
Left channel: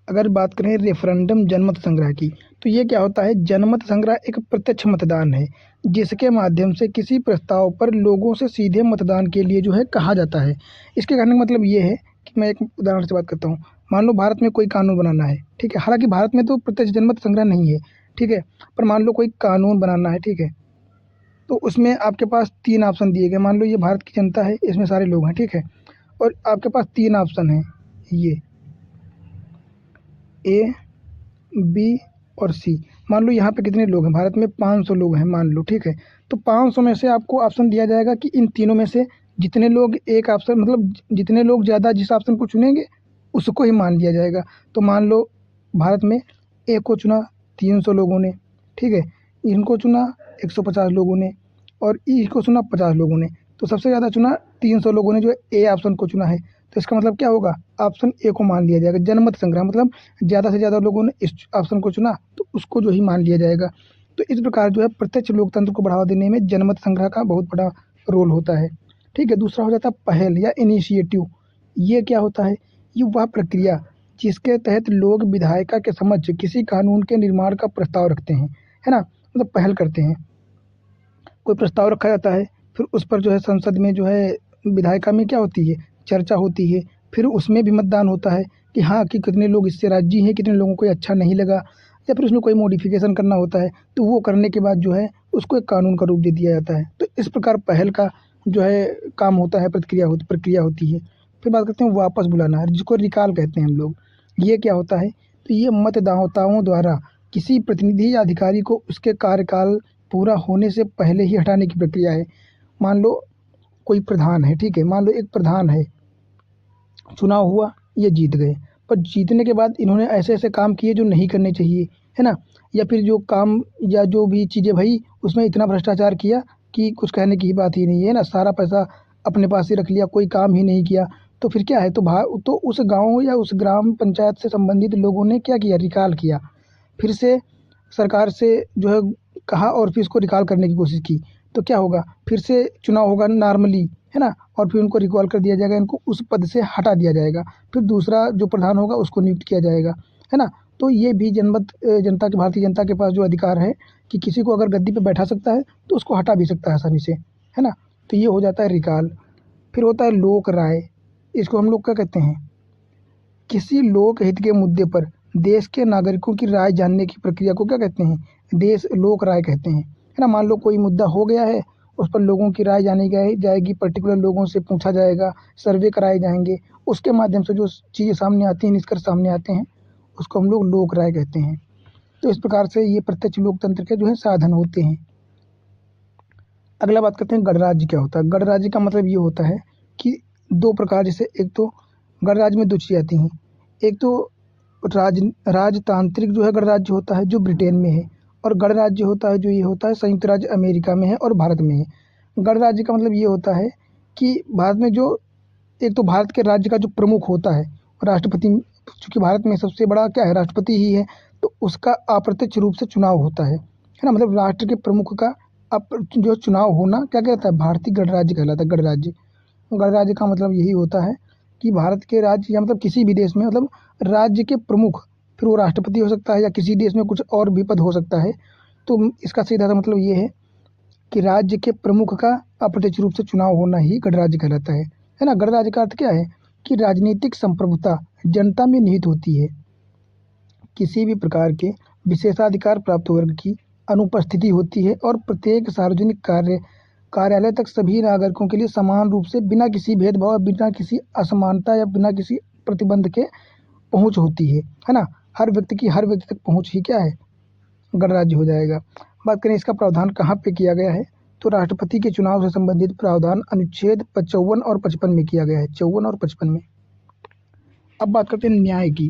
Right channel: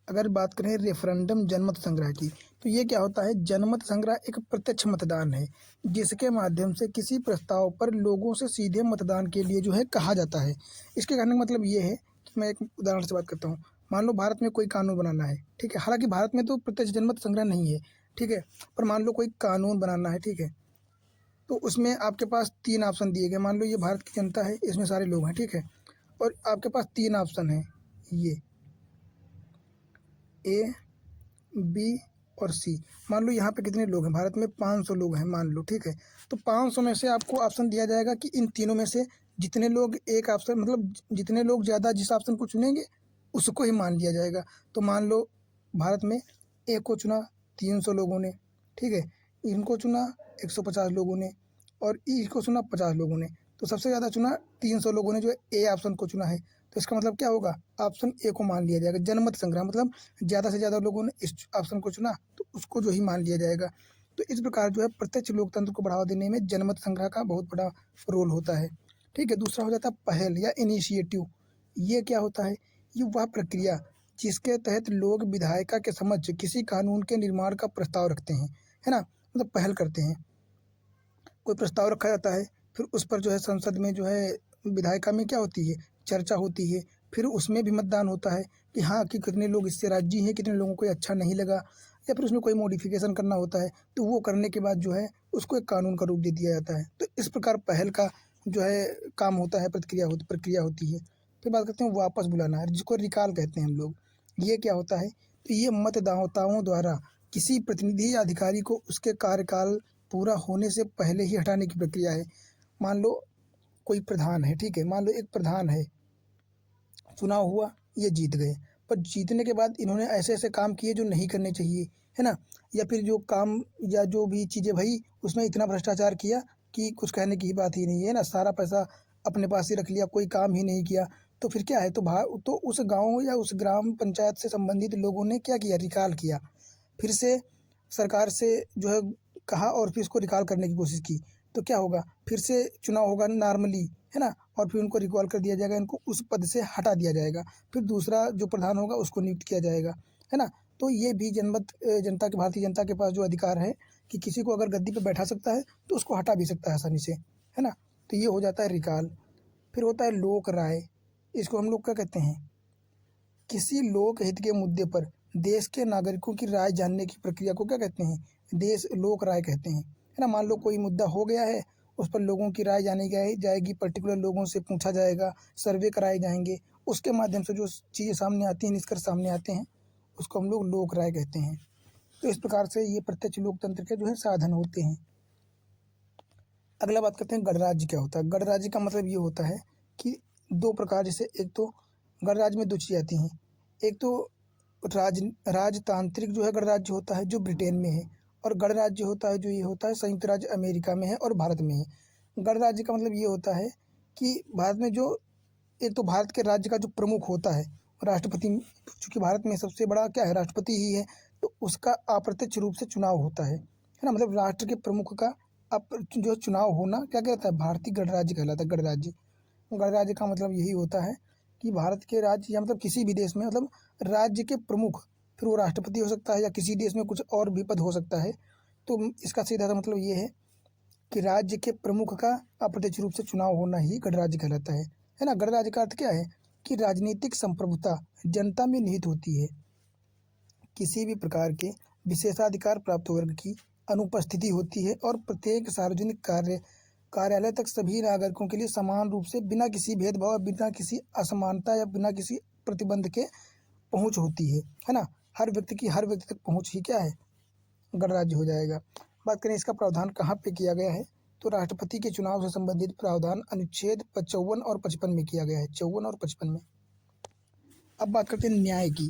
अगर बात करें रेफरेंडम जनमत संग्रह की, तो ये क्या होता है? जनमत संग्रह एक प्रत्यक्ष मतदान है जिसके माध्यम से किसी प्रस्ताव पर लोगों से सीधे मतदान के लिए जो है कहा जाता है। इसके कहने का मतलब ये है कि मैं एक उदाहरण से बात करता हूँ। मान लो भारत में कोई कानून बनाना है, ठीक है। हालांकि भारत में तो प्रत्यक्ष जनमत संग्रह नहीं है, ठीक है, पर मान लो कोई कानून बनाना है, ठीक है, तो उसमें आपके पास 3 ऑप्शन दिए गए। मान लो ये भारत की जनता है, इसमें सारे लोग हैं, ठीक है, और आपके पास 3 ऑप्शन हैं, ये ए, बी और सी। मान लो यहाँ पे कितने लोग हैं? भारत में 500 लोग हैं मान लो, ठीक है। तो 500 में से आपको ऑप्शन दिया जाएगा कि इन तीनों में से जितने लोग एक ऑप्शन, मतलब जितने लोग ज़्यादा जिस ऑप्शन को चुनेंगे उसको ही मान लिया जाएगा। तो मान लो भारत में ए को चुना 300 लोगों ने, ठीक है, इनको चुना 150 लोगों ने और ई को चुना 50 लोगों ने। तो सबसे ज़्यादा चुना 300 लोगों ने जो ए ऑप्शन को चुना है। तो इसका मतलब क्या होगा? ऑप्शन ए को मान लिया जाएगा। जनमत संग्रह मतलब ज़्यादा से ज़्यादा लोगों ने इस ऑप्शन को चुना तो उसको जो ही मान लिया जाएगा। तो इस प्रकार जो है प्रत्यक्ष लोकतंत्र को बढ़ावा देने में जनमत संग्रह का बहुत बड़ा रोल होता है, ठीक है। दूसरा हो जाता है पहल या इनिशिएटिव। ये क्या होता है? ये वह प्रक्रिया जिसके तहत लोग विधायिका के समक्ष किसी कानून के निर्माण का प्रस्ताव रखते हैं, है ना, मतलब पहल करते हैं। कोई प्रस्ताव रखा जाता है, फिर उस पर जो है संसद में जो है विधायिका में क्या होती है? चर्चा होती है। फिर उसमें भी मतदान होता है कि हाँ, कि कितने लोग इससे राज़ी हैं, कितने लोगों को ये अच्छा नहीं लगा, या फिर उसमें कोई मॉडिफ़िकेशन करना होता है। तो वो करने के बाद जो है उसको एक कानून का रूप दे दिया जाता है। तो इस प्रकार पहल का जो है काम होता है, प्रक्रिया होती है। फिर बात करते हैं वापस बुलाना, जिसको रिकॉल कहते हैं हम लोग। ये क्या होता है? तो ये मतदाताओं द्वारा किसी प्रतिनिधि या अधिकारी को उसके कार्यकाल पूरा होने से पहले ही हटाने की प्रक्रिया है। मान लो कोई प्रधान है, ठीक है, मान लो एक प्रधान है, चुनाव हुआ, ये जीत गए, पर जीतने के बाद इन्होंने ऐसे-ऐसे काम किए जो नहीं करने चाहिए, है ना? या फिर जो काम या जो भी चीज़ें भई उसमें इतना भ्रष्टाचार किया कि कुछ कहने की ही बात ही नहीं है ना? सारा पैसा अपने पास ही रख लिया, कोई काम ही नहीं किया। तो फिर क्या है? तो उस गाँव या उस ग्राम पंचायत से संबंधित लोगों ने क्या किया? रिकॉल किया। फिर से सरकार से जो है कहा और फिर उसको रिकॉल करने की कोशिश की। तो क्या होगा? फिर से चुनाव होगा नॉर्मली, है ना? और फिर उनको रिकॉल कर दिया जाएगा, इनको उस पद से हटा दिया जाएगा। फिर दूसरा जो प्रधान होगा उसको नियुक्त किया जाएगा, है ना? तो ये भी जनता के भारतीय जनता के पास जो अधिकार है कि किसी को अगर गद्दी पे बैठा सकता है तो उसको हटा भी सकता है आसानी से, है ना? तो ये हो जाता है रिकॉल। फिर होता है लोक राय। इसको हम लोग क्या कहते हैं? किसी लोक हित के मुद्दे पर देश के नागरिकों की राय जानने की प्रक्रिया को क्या कहते हैं? देश लोक राय कहते हैं, है ना? मान लो कोई मुद्दा हो गया है, उस पर लोगों की राय जानी जाएगी, पर्टिकुलर लोगों से पूछा जाएगा, सर्वे कराए जाएंगे, उसके माध्यम से जो चीज़ें सामने आती हैं, निष्कर्ष सामने आते हैं, उसको हम लोग लोक राय कहते हैं। तो इस प्रकार से ये प्रत्यक्ष लोकतंत्र के जो है साधन होते हैं। अगला बात करते हैं गणराज्य क्या होता है? गणराज्य का मतलब ये होता है कि 2 प्रकार, जैसे एक तो गणराज्य में 2 चीज़ें आती हैं। एक तो राजतांत्रिक जो है गणराज्य होता है जो ब्रिटेन में है, और गणराज्य होता है जो ये होता है संयुक्त राज्य अमेरिका में है और भारत में है। गणराज्य का मतलब ये होता है कि भारत में जो एक तो भारत के राज्य का जो प्रमुख होता है, राष्ट्रपति, चूँकि भारत में सबसे बड़ा क्या है? राष्ट्रपति ही है, तो उसका अप्रत्यक्ष रूप से चुनाव होता है ना? मतलब राष्ट्र के प्रमुख का जो चुनाव होना क्या कहलाता है? भारतीय गणराज्य कहलाता है, गणराज्य। गणराज्य का मतलब यही होता है कि भारत के राज्य या मतलब किसी भी देश में मतलब राज्य के प्रमुख, फिर वो राष्ट्रपति हो सकता है या किसी देश में कुछ और भी पद हो सकता है। तो इसका सीधा सा मतलब ये है कि राज्य के प्रमुख का अप्रत्यक्ष रूप से चुनाव होना ही गणराज्य कहलाता है ना? गणराज्य का अर्थ क्या है? कि राजनीतिक संप्रभुता जनता में निहित होती है। किसी भी प्रकार के विशेषाधिकार प्राप्त वर्ग की अनुपस्थिति होती है और प्रत्येक सार्वजनिक कार्यालय तक सभी नागरिकों के लिए समान रूप से बिना किसी भेदभाव, बिना किसी असमानता या बिना किसी प्रतिबंध के पहुँच होती है ना? हर व्यक्ति तक पहुँच ही क्या है? गणराज्य हो जाएगा। बात करें इसका प्रावधान कहाँ पे किया गया है, तो राष्ट्रपति के चुनाव से संबंधित प्रावधान अनुच्छेद 54 और 55 में किया गया है, 54 और 55 में। अब बात करते हैं न्याय की,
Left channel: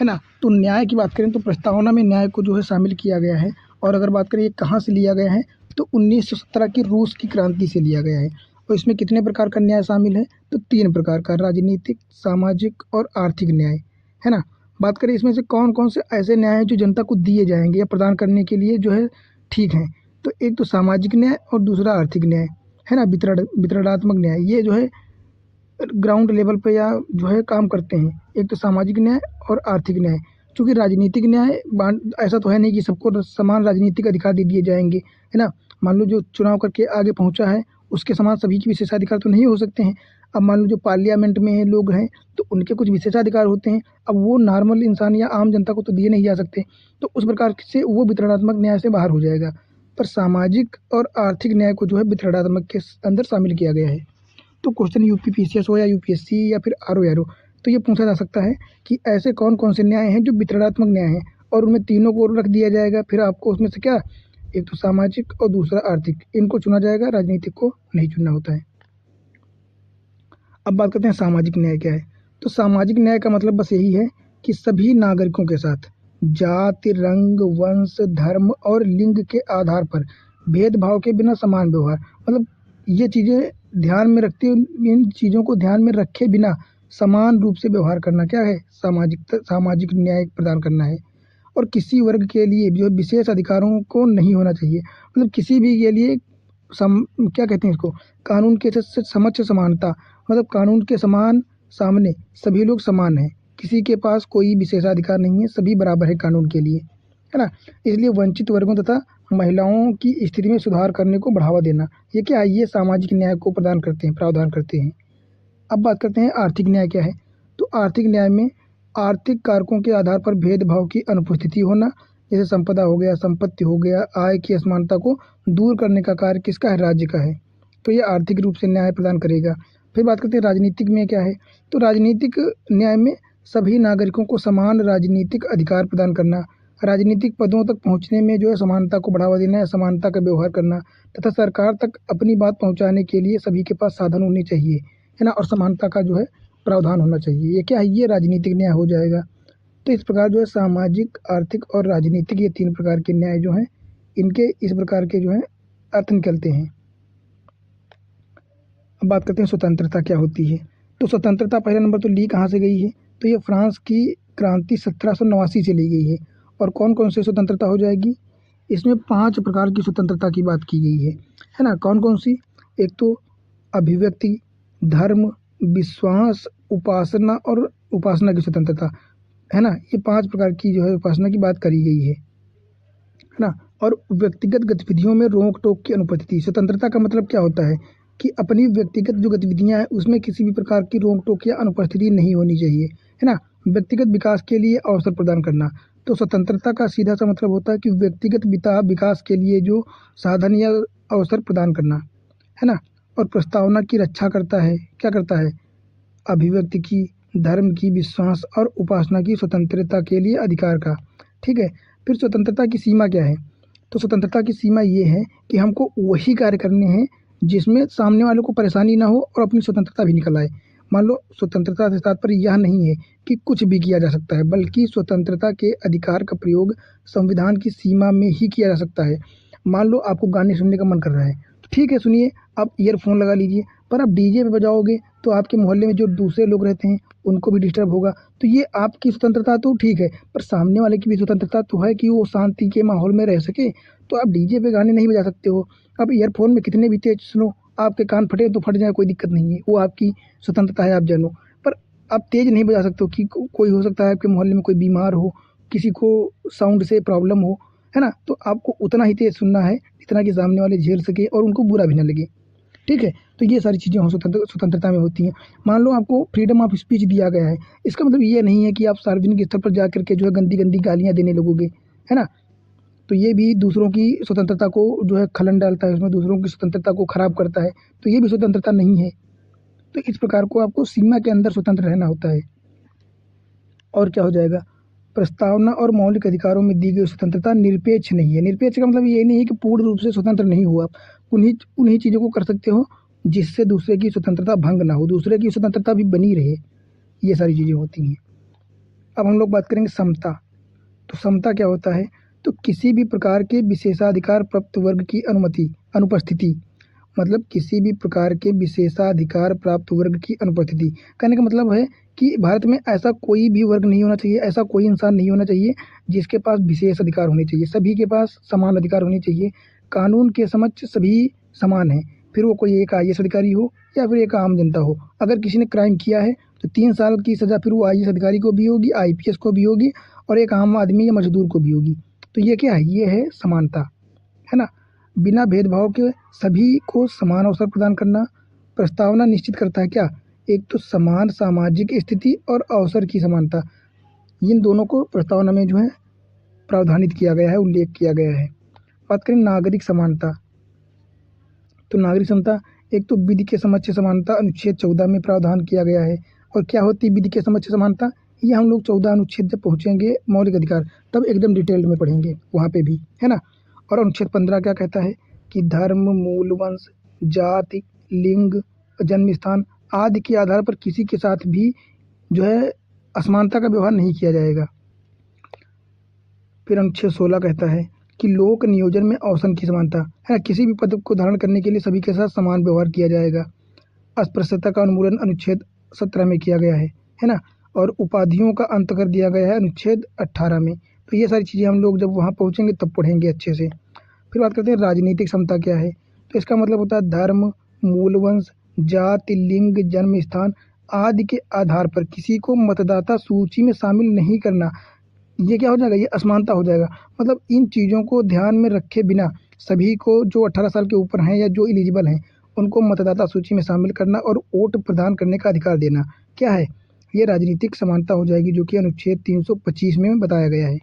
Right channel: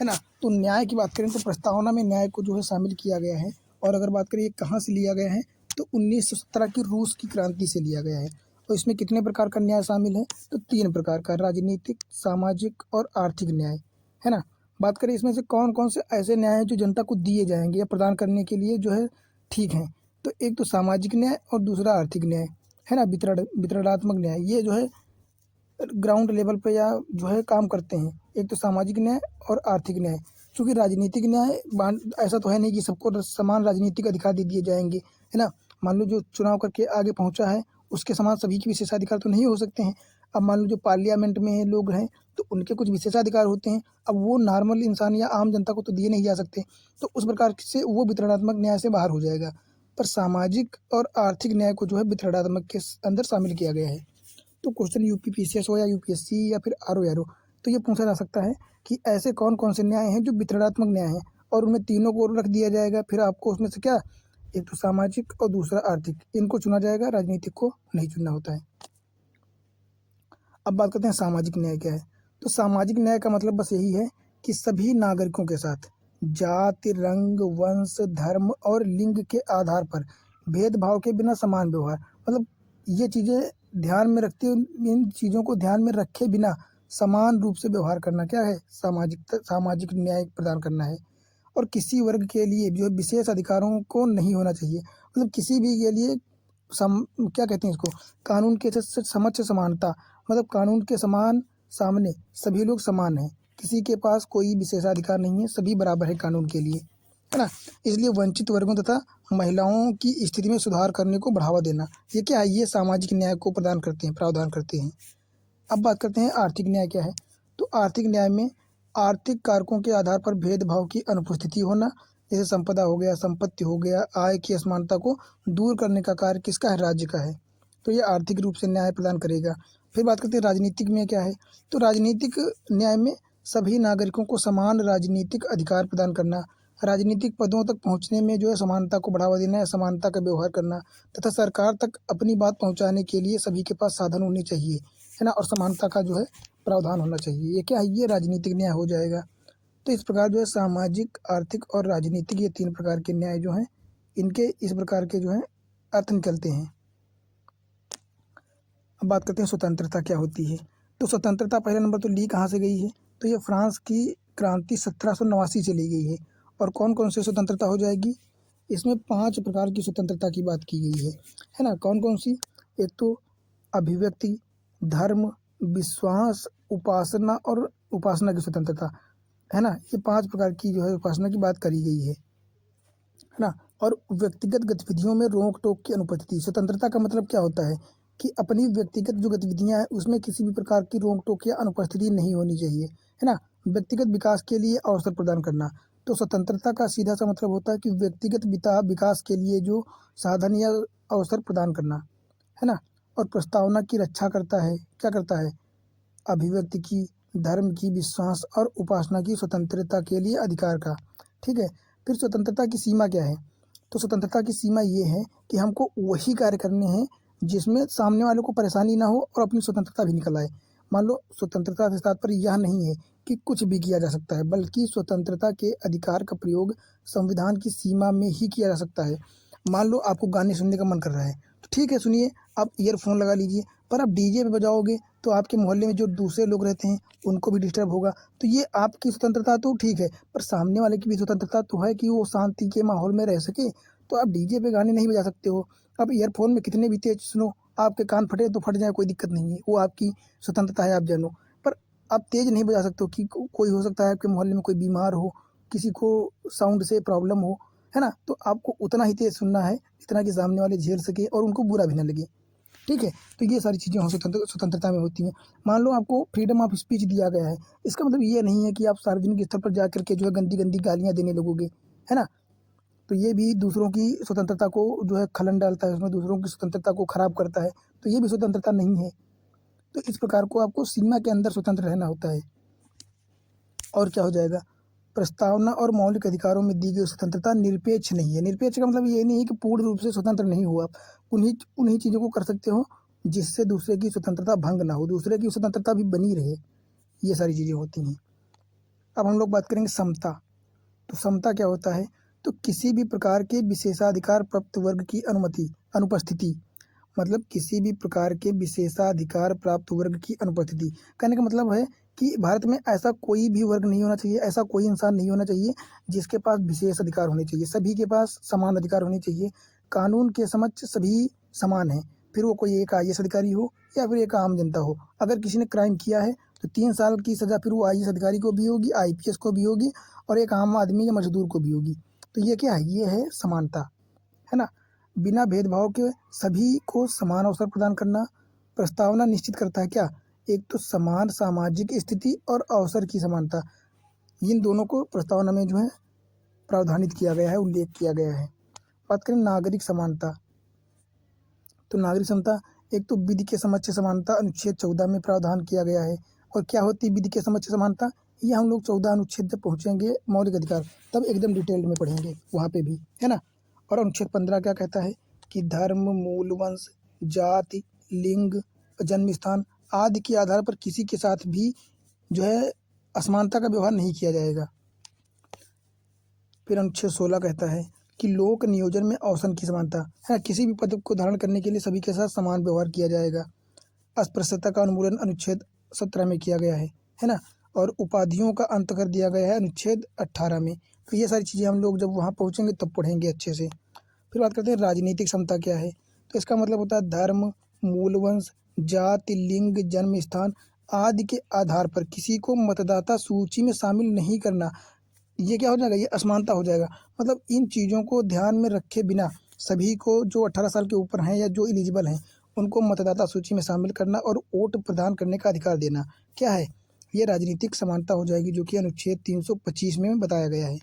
है ना? तो न्याय की बात करें तो प्रस्तावना में न्याय को जो है शामिल किया गया है। और अगर बात करें ये कहाँ से लिया गया है, तो 1917 की रूस की क्रांति से लिया गया है। और इसमें कितने प्रकार का न्याय शामिल है? तो 3 प्रकार का, राजनीतिक, सामाजिक और आर्थिक न्याय, है ना? बात करें इसमें से कौन-कौन से ऐसे न्याय हैं जो जनता को दिए जाएँगे या प्रदान करने के लिए जो है ठीक हैं। तो एक तो सामाजिक न्याय और दूसरा आर्थिक न्याय। है ना, वितरणात्मक न्याय, ये जो है ग्राउंड लेवल पे या जो है काम करते हैं। एक तो सामाजिक न्याय और आर्थिक न्याय। क्योंकि राजनीतिक न्याय बांट ऐसा तो है नहीं कि सबको समान राजनीतिक अधिकार दे दिए जाएंगे, है ना। मान लो जो चुनाव करके आगे पहुंचा है, उसके समान सभी के विशेषाधिकार तो नहीं हो सकते हैं। अब मान लो जो पार्लियामेंट में है लोग हैं, तो उनके कुछ विशेषाधिकार होते हैं। अब वो नॉर्मल इंसान या आम जनता को तो दिए नहीं जा सकते, तो उस प्रकार से वो वितरणात्मक न्याय से बाहर हो जाएगा। पर सामाजिक और आर्थिक न्याय को जो है वितरणात्मक के अंदर शामिल किया गया है। तो क्वेश्चन यूपी पीसीएस हो या यूपीएससी या फिर आरओ तो ये पूछा जा सकता है कि ऐसे कौन कौन से न्याय हैं जो वितरणात्मक न्याय हैं, और उनमें तीनों को रख दिया जाएगा। फिर आपको उसमें से क्या, एक तो सामाजिक और दूसरा आर्थिक, इनको चुना जाएगा, राजनीतिक को नहीं चुनना होता है। अब बात करते हैं सामाजिक न्याय क्या है। तो सामाजिक न्याय का मतलब बस यही है कि सभी नागरिकों के साथ जाति, रंग, वंश, धर्म और लिंग के आधार पर भेदभाव के बिना समान व्यवहार, मतलब ये चीज़ें ध्यान में रखते, इन चीज़ों को ध्यान में रखे बिना समान रूप से व्यवहार करना क्या है, सामाजिक न्याय प्रदान करना है। और किसी वर्ग के लिए जो विशेष अधिकारों को नहीं होना चाहिए, मतलब किसी भी के लिए क्या कहते हैं इसको, कानून के समक्ष समानता, मतलब कानून के समान सामने सभी लोग समान हैं, किसी के पास कोई विशेषाधिकार नहीं है, सभी बराबर है कानून के लिए, है ना। इसलिए वंचित वर्गों तथा महिलाओं की स्थिति में सुधार करने को बढ़ावा देना, ये क्या है, ये सामाजिक न्याय को प्रदान करते हैं, प्रावधान करते हैं। अब बात करते हैं आर्थिक न्याय क्या है। तो आर्थिक न्याय में आर्थिक कारकों के आधार पर भेदभाव की अनुपस्थिति होना, जैसे संपदा हो गया, संपत्ति हो गया, आय की असमानता को दूर करने का कार्य किसका है, राज्य का है। तो ये आर्थिक रूप से न्याय प्रदान करेगा। फिर बात करते हैं राजनीतिक में क्या है। तो राजनीतिक न्याय में सभी नागरिकों को समान राजनीतिक अधिकार प्रदान करना, राजनीतिक पदों तक पहुंचने में जो है समानता को बढ़ावा देना है, समानता का व्यवहार करना, तथा सरकार तक अपनी बात पहुंचाने के लिए सभी के पास साधन होने चाहिए, है ना, और समानता का जो है प्रावधान होना चाहिए। ये क्या है, ये राजनीतिक न्याय हो जाएगा। तो इस प्रकार जो है सामाजिक, आर्थिक और राजनीतिक, ये तीन प्रकार के न्याय जो हैं, इनके इस प्रकार के जो हैं अर्थ निकलते हैं। अब बात करते हैं स्वतंत्रता क्या होती है। तो स्वतंत्रता पहला नंबर तो ली कहाँ से गई है, तो ये फ्रांस की क्रांति 1789 से ली गई है। और कौन कौन से स्वतंत्रता हो जाएगी, इसमें 5 प्रकार की स्वतंत्रता की बात की गई है ना। कौन कौन सी, एक तो अभिव्यक्ति, धर्म, विश्वास, उपासना और उपासना की स्वतंत्रता, है ना। ये 5 प्रकार की जो है उपासना की बात करी गई है ना। और व्यक्तिगत गतिविधियों में रोक टोक की अनुपस्थिति, स्वतंत्रता का मतलब क्या होता है कि अपनी व्यक्तिगत जो गतिविधियां हैं उसमें किसी भी प्रकार की रोक टोक या अनुपस्थिति नहीं होनी चाहिए, है ना। व्यक्तिगत विकास के लिए अवसर प्रदान करना, तो स्वतंत्रता का सीधा सा मतलब होता है कि व्यक्तिगत विकास के लिए जो साधन या अवसर प्रदान करना, है ना। और प्रस्तावना की रक्षा करता है, क्या करता है, अभिव्यक्ति की, धर्म की, विश्वास और उपासना की स्वतंत्रता के लिए अधिकार का, ठीक है। फिर स्वतंत्रता की सीमा क्या है, तो स्वतंत्रता की सीमा ये है कि हमको वही कार्य करने हैं जिसमें सामने वालों को परेशानी ना हो और अपनी स्वतंत्रता भी निकल आए। मान लो स्वतंत्रता से तात्पर्य यह नहीं है कि कुछ भी किया जा सकता है, बल्कि स्वतंत्रता के अधिकार का प्रयोग संविधान की सीमा में ही किया जा सकता है। मान लो आपको गाने सुनने का मन कर रहा है, तो ठीक है सुनिए, आप ईयरफोन लगा लीजिए, पर आप डीजे पे बजाओगे तो आपके मोहल्ले में जो दूसरे लोग रहते हैं उनको भी डिस्टर्ब होगा। तो ये आपकी स्वतंत्रता तो ठीक है, पर सामने वाले की भी स्वतंत्रता तो है कि वो शांति के माहौल में रह सके। तो आप डीजे पे गाने नहीं बजा सकते हो, आप ईयरफोन में कितने भी तेज सुनो, आपके कान फटे तो फट जाए, कोई दिक्कत नहीं है, वो आपकी स्वतंत्रता है, आप जानो। पर आप तेज नहीं बजा सकते हो कि कोई हो सकता है आपके मोहल्ले में कोई बीमार हो, किसी को साउंड से प्रॉब्लम हो, है ना। तो आपको उतना ही तेज सुनना है जितना कि सामने वाले झेल सके और उनको बुरा भी ना लगे, ठीक है। तो ये सारी चीज़ें स्वतंत्रता में होती हैं। मान लो आपको फ्रीडम ऑफ स्पीच दिया गया है, इसका मतलब ये नहीं है कि आप सार्वजनिक स्थल पर जा करके जो है गंदी गंदी गालियाँ देने लगोगे, है ना। तो ये भी दूसरों की स्वतंत्रता को जो है खलन डालता है, उसमें दूसरों की स्वतंत्रता को खराब करता है, तो ये भी स्वतंत्रता नहीं है। तो इस प्रकार को आपको सीमा के अंदर स्वतंत्र रहना होता है। और क्या हो जाएगा, प्रस्तावना और मौलिक अधिकारों में दी गई स्वतंत्रता निरपेक्ष नहीं है। निरपेक्ष का मतलब ये नहीं है कि पूर्ण रूप से स्वतंत्र नहीं हो, आप उन्हीं उन्हीं चीज़ों को कर सकते हो जिससे दूसरे की स्वतंत्रता भंग ना हो, दूसरे की स्वतंत्रता भी बनी रहे, ये सारी चीज़ें होती हैं। अब हम लोग बात करेंगे समता। तो समता क्या होता है, तो किसी भी प्रकार के विशेषाधिकार प्राप्त वर्ग की अनुपस्थिति, मतलब किसी भी प्रकार के विशेषाधिकार प्राप्त वर्ग की अनुपस्थिति, कहने का मतलब है कि भारत में ऐसा कोई भी वर्ग नहीं होना चाहिए, ऐसा कोई इंसान नहीं होना चाहिए जिसके पास विशेष अधिकार होने चाहिए, सभी के पास समान अधिकार होने चाहिए। कानून के समक्ष सभी समान हैं, फिर वो कोई एक IAS अधिकारी हो या फिर एक आम जनता हो। अगर किसी ने क्राइम किया है तो 3 साल की सज़ा फिर वो IAS अधिकारी को भी होगी, IPS को भी होगी और एक आम आदमी या मजदूर को भी होगी। तो ये क्या है? ये है समानता, है ना? बिना भेदभाव के सभी को समान अवसर प्रदान करना। प्रस्तावना निश्चित करता है क्या? एक तो समान सामाजिक स्थिति और अवसर की समानता। इन दोनों को प्रस्तावना में जो है प्रावधानित किया गया है, उल्लेख किया गया है। बात करें नागरिक समानता, तो नागरिक समता एक तो विधि के समक्ष समानता अनुच्छेद 14 में प्रावधान किया गया है। और क्या होती है विधि के समक्ष समानता? ये हम लोग 14 अनुच्छेद जब पहुँचेंगे मौलिक अधिकार तब एकदम डिटेल में पढ़ेंगे वहाँ पे भी, है ना? और अनुच्छेद 15 क्या कहता है कि धर्म, मूल, वंश, जाति, लिंग, जन्म स्थान आदि के आधार पर किसी के साथ भी जो है असमानता का व्यवहार नहीं किया जाएगा। फिर अनुच्छेद 16 कहता है कि लोक नियोजन में अवसर की समानता है। किसी भी पद को धारण करने के लिए सभी के साथ समान व्यवहार किया जाएगा। अस्पृश्यता का उन्मूलन अनुच्छेद 17 में किया गया है ना? और उपाधियों का अंत कर दिया गया है अनुच्छेद 18 में। तो ये सारी चीज़ें हम लोग जब वहाँ पहुँचेंगे तब पढ़ेंगे अच्छे से। फिर बात करते हैं राजनीतिक समता क्या है। तो इसका मतलब होता है धर्म, मूल, वंश, जाति, लिंग, जन्म स्थान आदि के आधार पर किसी को मतदाता सूची में शामिल नहीं करना। ये क्या हो जाएगा? ये असमानता हो जाएगा। मतलब इन चीज़ों को ध्यान में रखे बिना सभी को जो 18 साल के ऊपर हैं या जो एलिजिबल हैं उनको मतदाता सूची में शामिल करना और वोट प्रदान करने का अधिकार देना क्या है? ये राजनीतिक समानता हो जाएगी, जो कि अनुच्छेद 325 में बताया गया है।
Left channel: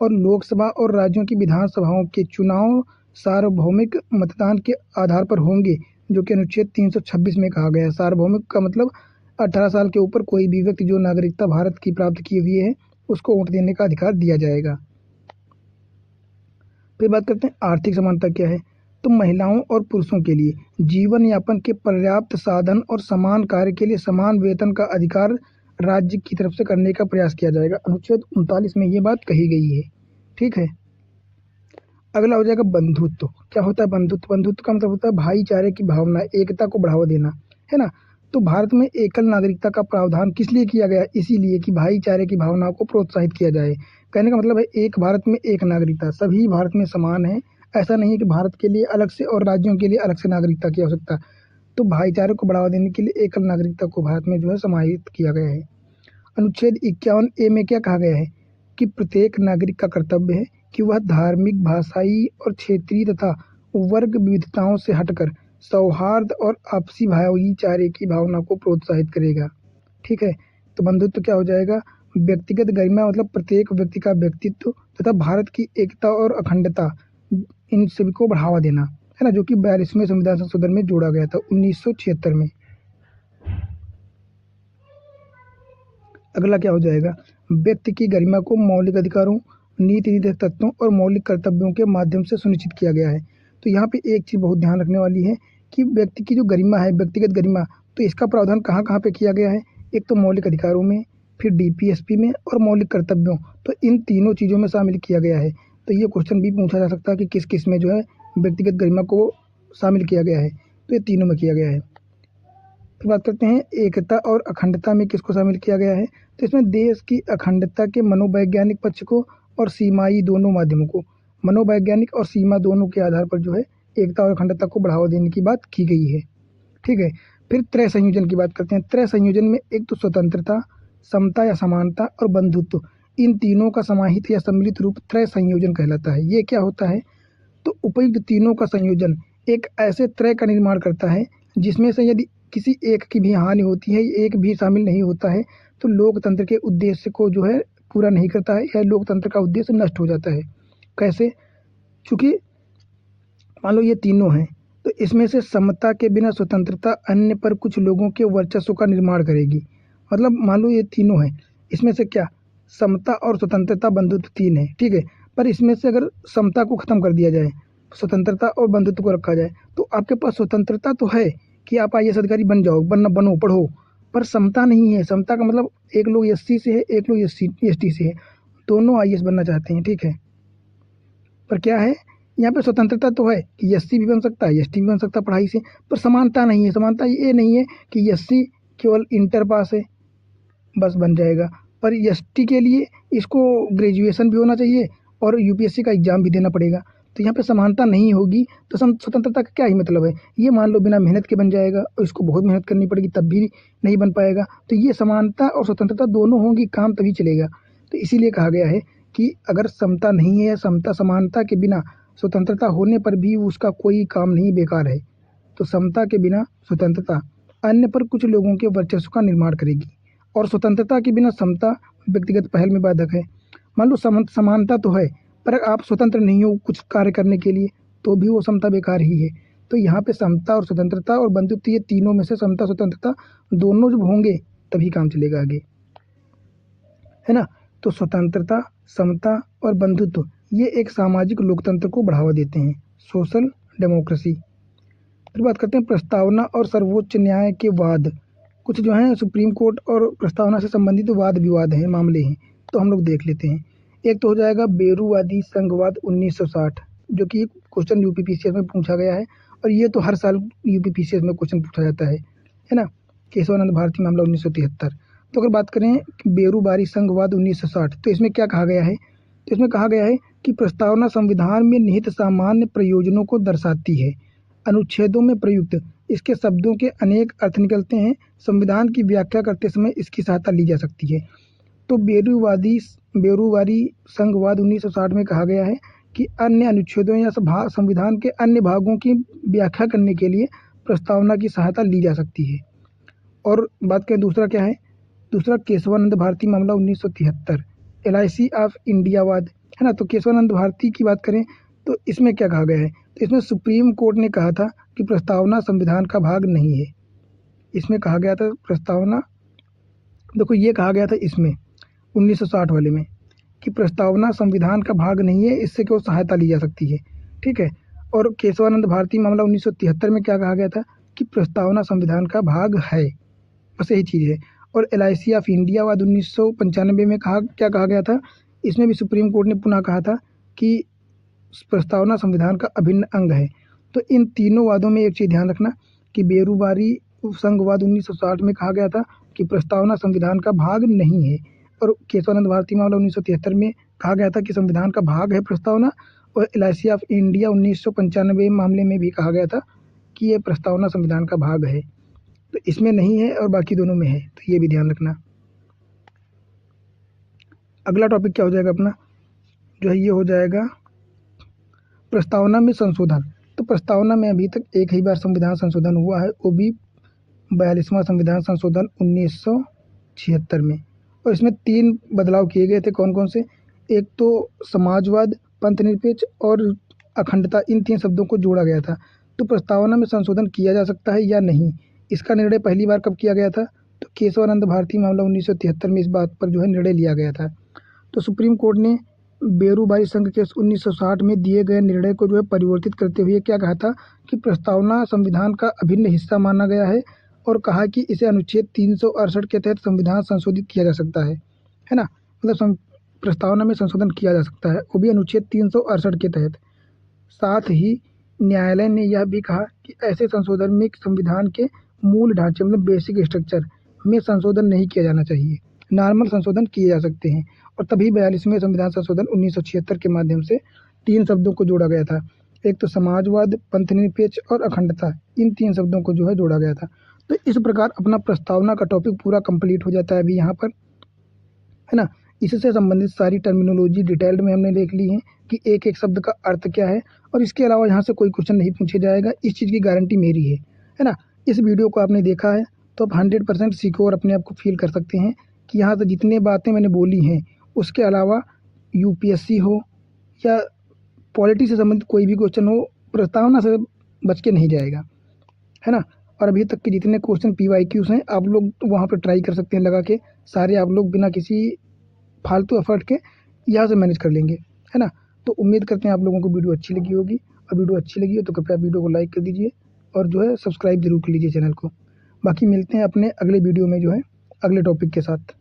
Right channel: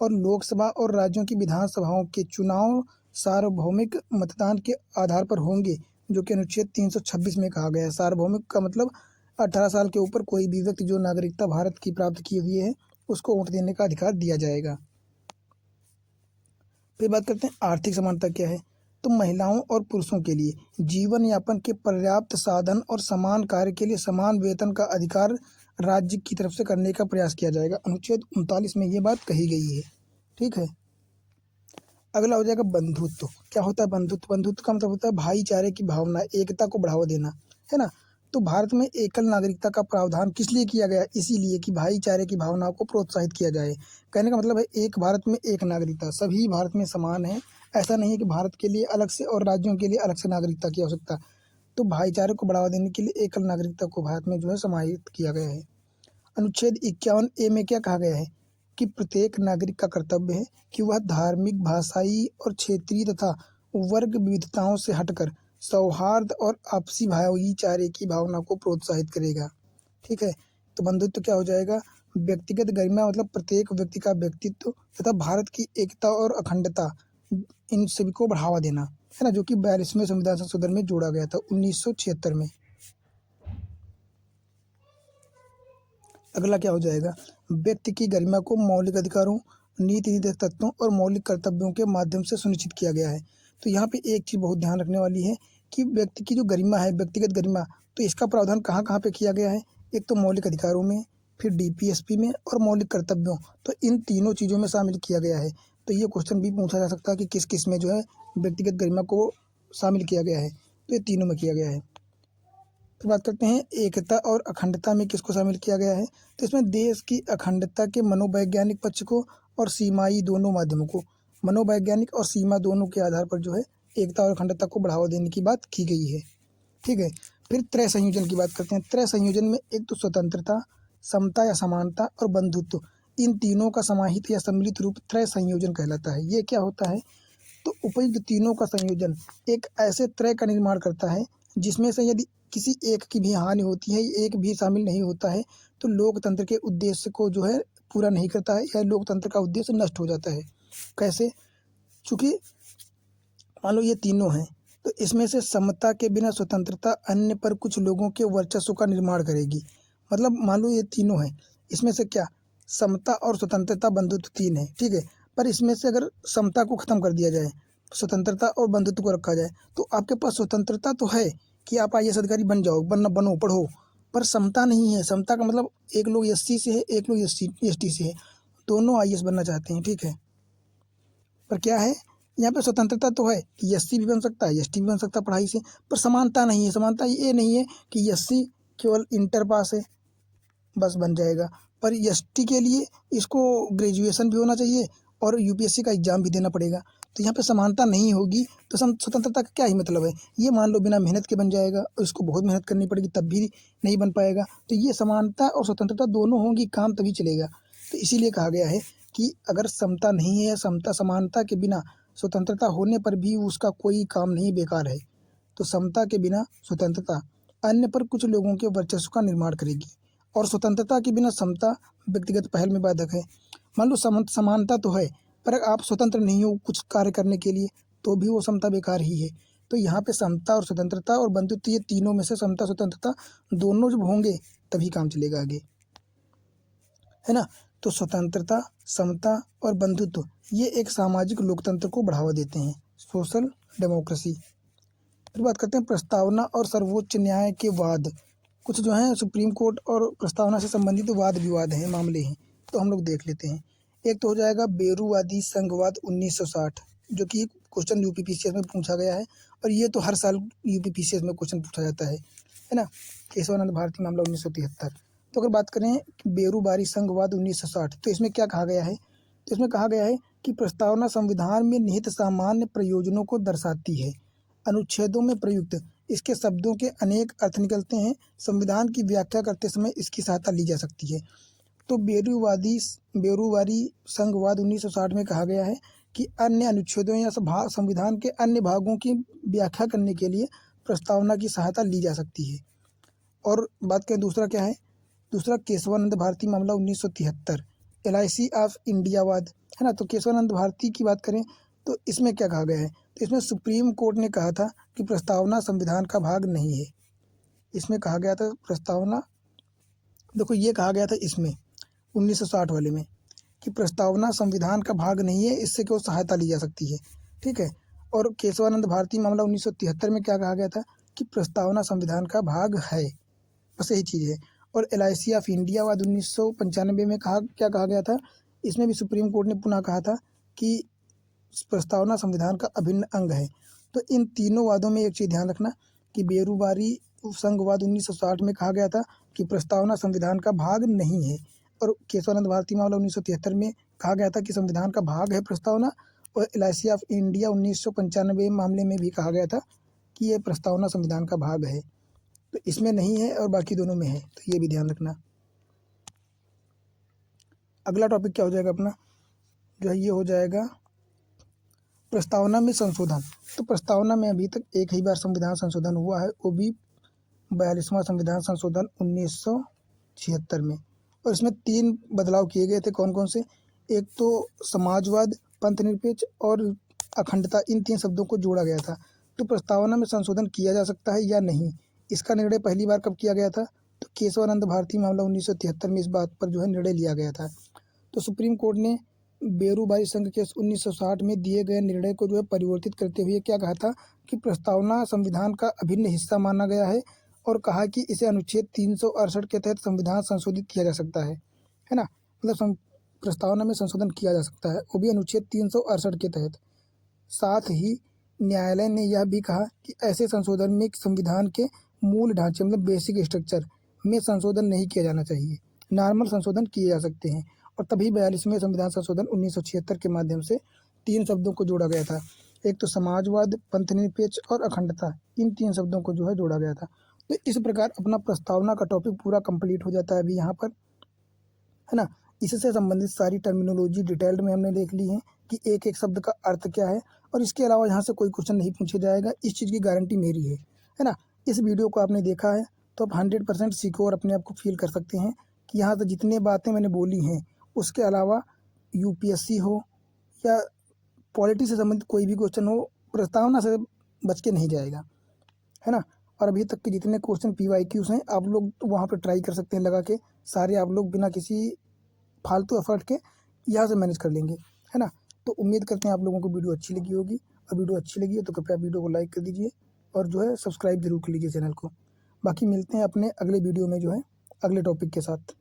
और लोकसभा और राज्यों की विधानसभाओं के चुनाव सार्वभौमिक मतदान के आधार पर होंगे, जो कि अनुच्छेद 326 में कहा गया है। सार्वभौमिक का मतलब 18 साल के ऊपर कोई भी व्यक्ति जो नागरिकता भारत की प्राप्त की हुई है उसको वोट देने का अधिकार दिया जाएगा। फिर बात करते हैं आर्थिक समानता क्या है। तो महिलाओं और पुरुषों के लिए जीवन यापन के पर्याप्त साधन और समान कार्य के लिए समान वेतन का अधिकार राज्य की तरफ से करने का प्रयास किया जाएगा। अनुच्छेद 39 में ये बात कही गई है। ठीक है। अगला हो जाएगा बंधुत्व। क्या होता है बंधुत्व? बंधुत्व का मतलब होता है भाईचारे की भावना, एकता को बढ़ावा देना, है ना? तो भारत में एकल नागरिकता का प्रावधान किस लिए किया गया? इसीलिए कि भाईचारे की भावना को प्रोत्साहित किया जाए। कहने का मतलब है एक भारत में एक नागरिकता, सभी भारत में समान है। ऐसा नहीं है कि भारत के लिए अलग से और राज्यों के लिए अलग से नागरिकता की आवश्यकता। तो भाईचारे को बढ़ावा देने के लिए एकल नागरिकता को भारत में जो है समाहित किया गया है। अनुच्छेद 51A में क्या कहा गया है कि प्रत्येक नागरिक का कर्तव्य है कि वह धार्मिक, भाषाई और क्षेत्रीय तथा वर्ग विविधताओं से हटकर सौहार्द और आपसी भाईचारे की भावना को प्रोत्साहित करेगा। ठीक है। तो बंधुत्व क्या हो जाएगा? व्यक्तिगत गरिमा मतलब प्रत्येक व्यक्ति का व्यक्तित्व तथा भारत की एकता और अखंडता, इन सभी को बढ़ावा देना, है ना? जो कि 42वें संविधान संशोधन में जोड़ा गया था 1976 में। अगला क्या हो जाएगा? व्यक्ति की गरिमा को मौलिक अधिकारों, नीति निर्देशक तत्वों और मौलिक कर्तव्यों के माध्यम से सुनिश्चित किया गया है। तो यहाँ पे एक चीज़ बहुत ध्यान रखने वाली है कि व्यक्ति की जो गरिमा है, व्यक्तिगत गरिमा, तो इसका प्रावधान कहाँ कहाँ पे किया गया है? एक तो मौलिक अधिकारों में, फिर DPSP में और मौलिक कर्तव्यों, तो इन तीनों चीज़ों में शामिल किया गया है। तो ये क्वेश्चन भी पूछा जा सकता है कि किस किस में जो है व्यक्तिगत गरिमा को शामिल किया गया है। तो ये तीनों में किया गया है। फिर बात करते हैं एकता और अखंडता में किसको शामिल किया गया है। तो इसमें देश की अखंडता के मनोवैज्ञानिक पक्ष को और सीमाई दोनों माध्यमों को, मनोवैज्ञानिक और सीमा दोनों के आधार पर जो है एकता और अखंडता को बढ़ावा देने की बात की गई है। ठीक है। फिर त्रय संयोजन की बात करते हैं। त्रय संयोजन में एक तो स्वतंत्रता, समता या समानता और बंधुत्व, इन तीनों का समाहित या सम्मिलित रूप त्रय संयोजन कहलाता है। ये क्या होता है? तो उपयुक्त तीनों का संयोजन एक ऐसे त्रय का निर्माण करता है जिसमें से यदि किसी एक की भी हानि होती है, एक भी शामिल नहीं होता है, तो लोकतंत्र के उद्देश्य को जो है पूरा नहीं करता है या लोकतंत्र का उद्देश्य नष्ट हो जाता है। कैसे? चूँकि मान लो ये तीनों हैं, तो इसमें से समता के बिना स्वतंत्रता अन्य पर कुछ लोगों के वर्चस्व का निर्माण करेगी। मतलब मान लो ये तीनों हैं, इसमें से क्या समता और स्वतंत्रता, बंधुत्व तीन है, ठीक है। पर इसमें से अगर समता को ख़त्म कर दिया जाए, स्वतंत्रता और बंधुत्व को रखा जाए, तो आपके पास स्वतंत्रता तो है कि आप IAS अधिकारी बन जाओ, बनो, पढ़ो, पर समता नहीं है। समता का मतलब एक लोग SC से है, एक लोग ST से है, दोनों IAS बनना चाहते हैं, ठीक है। पर क्या है, यहाँ पे स्वतंत्रता तो है कि SC भी बन सकता है, ST भी बन सकता है पढ़ाई से, पर समानता नहीं है। समानता ये नहीं है कि SC केवल इंटर पास है बस बन जाएगा, पर ST के लिए इसको ग्रेजुएशन भी होना चाहिए और UPSC का एग्ज़ाम भी देना पड़ेगा। तो यहाँ पे समानता नहीं होगी तो स्वतंत्रता का क्या ही मतलब है। ये मान लो बिना मेहनत के बन जाएगा और इसको बहुत मेहनत करनी पड़ेगी तब भी नहीं बन पाएगा। तो ये समानता और स्वतंत्रता दोनों होंगी, काम तभी चलेगा। तो इसीलिए कहा गया है कि अगर समता नहीं है या समता समानता के बिना स्वतंत्रता होने पर भी उसका कोई काम नहीं, बेकार है। तो समता के बिना स्वतंत्रता अन्य पर कुछ लोगों के वर्चस्व का निर्माण करेगी और स्वतंत्रता के बिना समता व्यक्तिगत पहल में बाधक है। मान लो समानता तो है पर आप स्वतंत्र नहीं हो कुछ कार्य करने के लिए तो भी वो समता बेकार ही है। तो यहाँ पे समता और स्वतंत्रता और बंधुत्व, ये तीनों में से समता स्वतंत्रता दोनों जब होंगे तभी काम चलेगा आगे, है ना। तो स्वतंत्रता, समता और बंधुत्व ये एक सामाजिक लोकतंत्र को बढ़ावा देते हैं, सोशल डेमोक्रेसी। फिर बात करते हैं प्रस्तावना और सर्वोच्च न्याय के वाद। कुछ जो हैं सुप्रीम कोर्ट और प्रस्तावना से संबंधित वाद विवाद हैं, मामले हैं, तो हम लोग देख लेते हैं। एक तो हो जाएगा बेरूवादी संघवाद 1960, जो कि क्वेश्चन यूपीपीसीएस में पूछा गया है और ये तो हर साल यूपीपीसीएस में क्वेश्चन पूछा जाता है ना। केशवानंद भारती मामला 1973। तो अगर बात करें बेरूवादी संघवाद 1960, तो इसमें क्या कहा गया है। तो इसमें कहा गया है कि प्रस्तावना संविधान में निहित सामान्य प्रयोजनों को दर्शाती है। अनुच्छेदों में प्रयुक्त इसके शब्दों के अनेक अर्थ निकलते हैं। संविधान की व्याख्या करते समय इसकी सहायता ली जा सकती है। तो बेरूवादी संघवाद 1960 में कहा गया है कि अन्य अनुच्छेदों या संविधान के अन्य भागों की व्याख्या करने के लिए प्रस्तावना की सहायता ली जा सकती है। और बात करें दूसरा क्या है, दूसरा केशवानंद भारती मामला 1973, LIC ऑफ इंडियावाद, है ना। तो केशवानंद भारती की बात करें तो इसमें क्या कहा गया है। तो इसमें सुप्रीम कोर्ट ने कहा था कि प्रस्तावना संविधान का भाग नहीं है। इसमें कहा गया था प्रस्तावना, देखो ये कहा गया था इसमें 1960 वाले में कि प्रस्तावना संविधान का भाग नहीं है, इससे केवल सहायता ली जा सकती है, ठीक है। और केशवानंद भारती मामला 1973 में क्या कहा गया था कि प्रस्तावना संविधान का भाग है, बस यही चीज़ है। और LIC ऑफ इंडियावाद 1995 में क्या कहा गया था, इसमें भी सुप्रीम कोर्ट ने पुनः कहा था कि प्रस्तावना संविधान का अभिन्न अंग है। तो इन तीनों वादों में एक चीज़ ध्यान रखना कि बेरूवादी संघवाद 1960 में कहा गया था कि प्रस्तावना संविधान का भाग नहीं है और केशवानंद भारती मामला 1973 में कहा गया था कि संविधान का भाग है प्रस्तावना। और LIC ऑफ इंडिया 1995 मामले में भी कहा गया था कि ये प्रस्तावना संविधान का भाग है। तो इसमें नहीं है और बाकी दोनों में है, तो ये भी ध्यान रखना। अगला टॉपिक क्या हो जाएगा अपना, जो है ये हो जाएगा प्रस्तावना में संशोधन। तो प्रस्तावना में अभी तक एक ही बार संविधान संशोधन हुआ है, वो भी 42वां संविधान संशोधन 1976 में। और इसमें 3 बदलाव किए गए थे, कौन कौन से। एक तो समाजवाद, पंथनिरपेक्ष और अखंडता, इन 3 शब्दों को जोड़ा गया था। तो प्रस्तावना में संशोधन किया जा सकता है या नहीं, इसका निर्णय पहली बार कब किया गया था। तो केशवानंद भारती मामला 1973 में इस बात पर जो है निर्णय लिया गया था। तो सुप्रीम कोर्ट ने बेरूवादी संघ केस 1960 में दिए गए निर्णय को जो है परिवर्तित करते हुए क्या कहा था कि प्रस्तावना संविधान का अभिन्न हिस्सा माना गया है और कहा कि इसे अनुच्छेद 368 के तहत संविधान संशोधित किया जा सकता है ना। मतलब प्रस्तावना में संशोधन किया जा सकता है, वो भी अनुच्छेद 368 के तहत। साथ ही न्यायालय ने यह भी कहा कि ऐसे संशोधन में संविधान के मूल ढांचे मतलब बेसिक स्ट्रक्चर में संशोधन नहीं किया जाना चाहिए, नॉर्मल संशोधन किए जा सकते हैं। और तभी 42वें संविधान संशोधन 1976 के माध्यम से 3 शब्दों को जोड़ा गया था। एक तो समाजवाद, पंथनिरपेक्ष और अखंडता, इन 3 शब्दों को जो है जोड़ा गया था। तो इस प्रकार अपना प्रस्तावना का टॉपिक पूरा कंप्लीट हो जाता है अभी यहाँ पर, है ना। इससे संबंधित सारी टर्मिनोलॉजी डिटेल्ड में हमने देख ली है कि एक एक शब्द का अर्थ क्या है। और इसके अलावा यहाँ से कोई क्वेश्चन नहीं पूछा जाएगा, इस चीज़ की गारंटी मेरी है ना। इस वीडियो को आपने देखा है तो आप 100% सीखो और अपने आप को फील कर सकते हैं कि यहाँ से जितनी बातें मैंने बोली हैं उसके अलावा UPSC हो या पॉलिटी से संबंधित कोई भी क्वेश्चन हो, प्रस्तावना से बच के नहीं जाएगा, है ना। और अभी तक के जितने क्वेश्चन PYQs हैं आप लोग वहाँ पर ट्राई कर सकते हैं लगा के, सारे आप लोग बिना किसी फालतू एफर्ट के यहाँ से मैनेज कर लेंगे, है ना। तो उम्मीद करते हैं आप लोगों को वीडियो अच्छी लगी होगी, और वीडियो अच्छी लगी हो तो कृपया वीडियो को लाइक कर दीजिए और जो है सब्सक्राइब जरूर कर लीजिए चैनल को। बाकी मिलते हैं अपने अगले वीडियो में जो है अगले टॉपिक के साथ।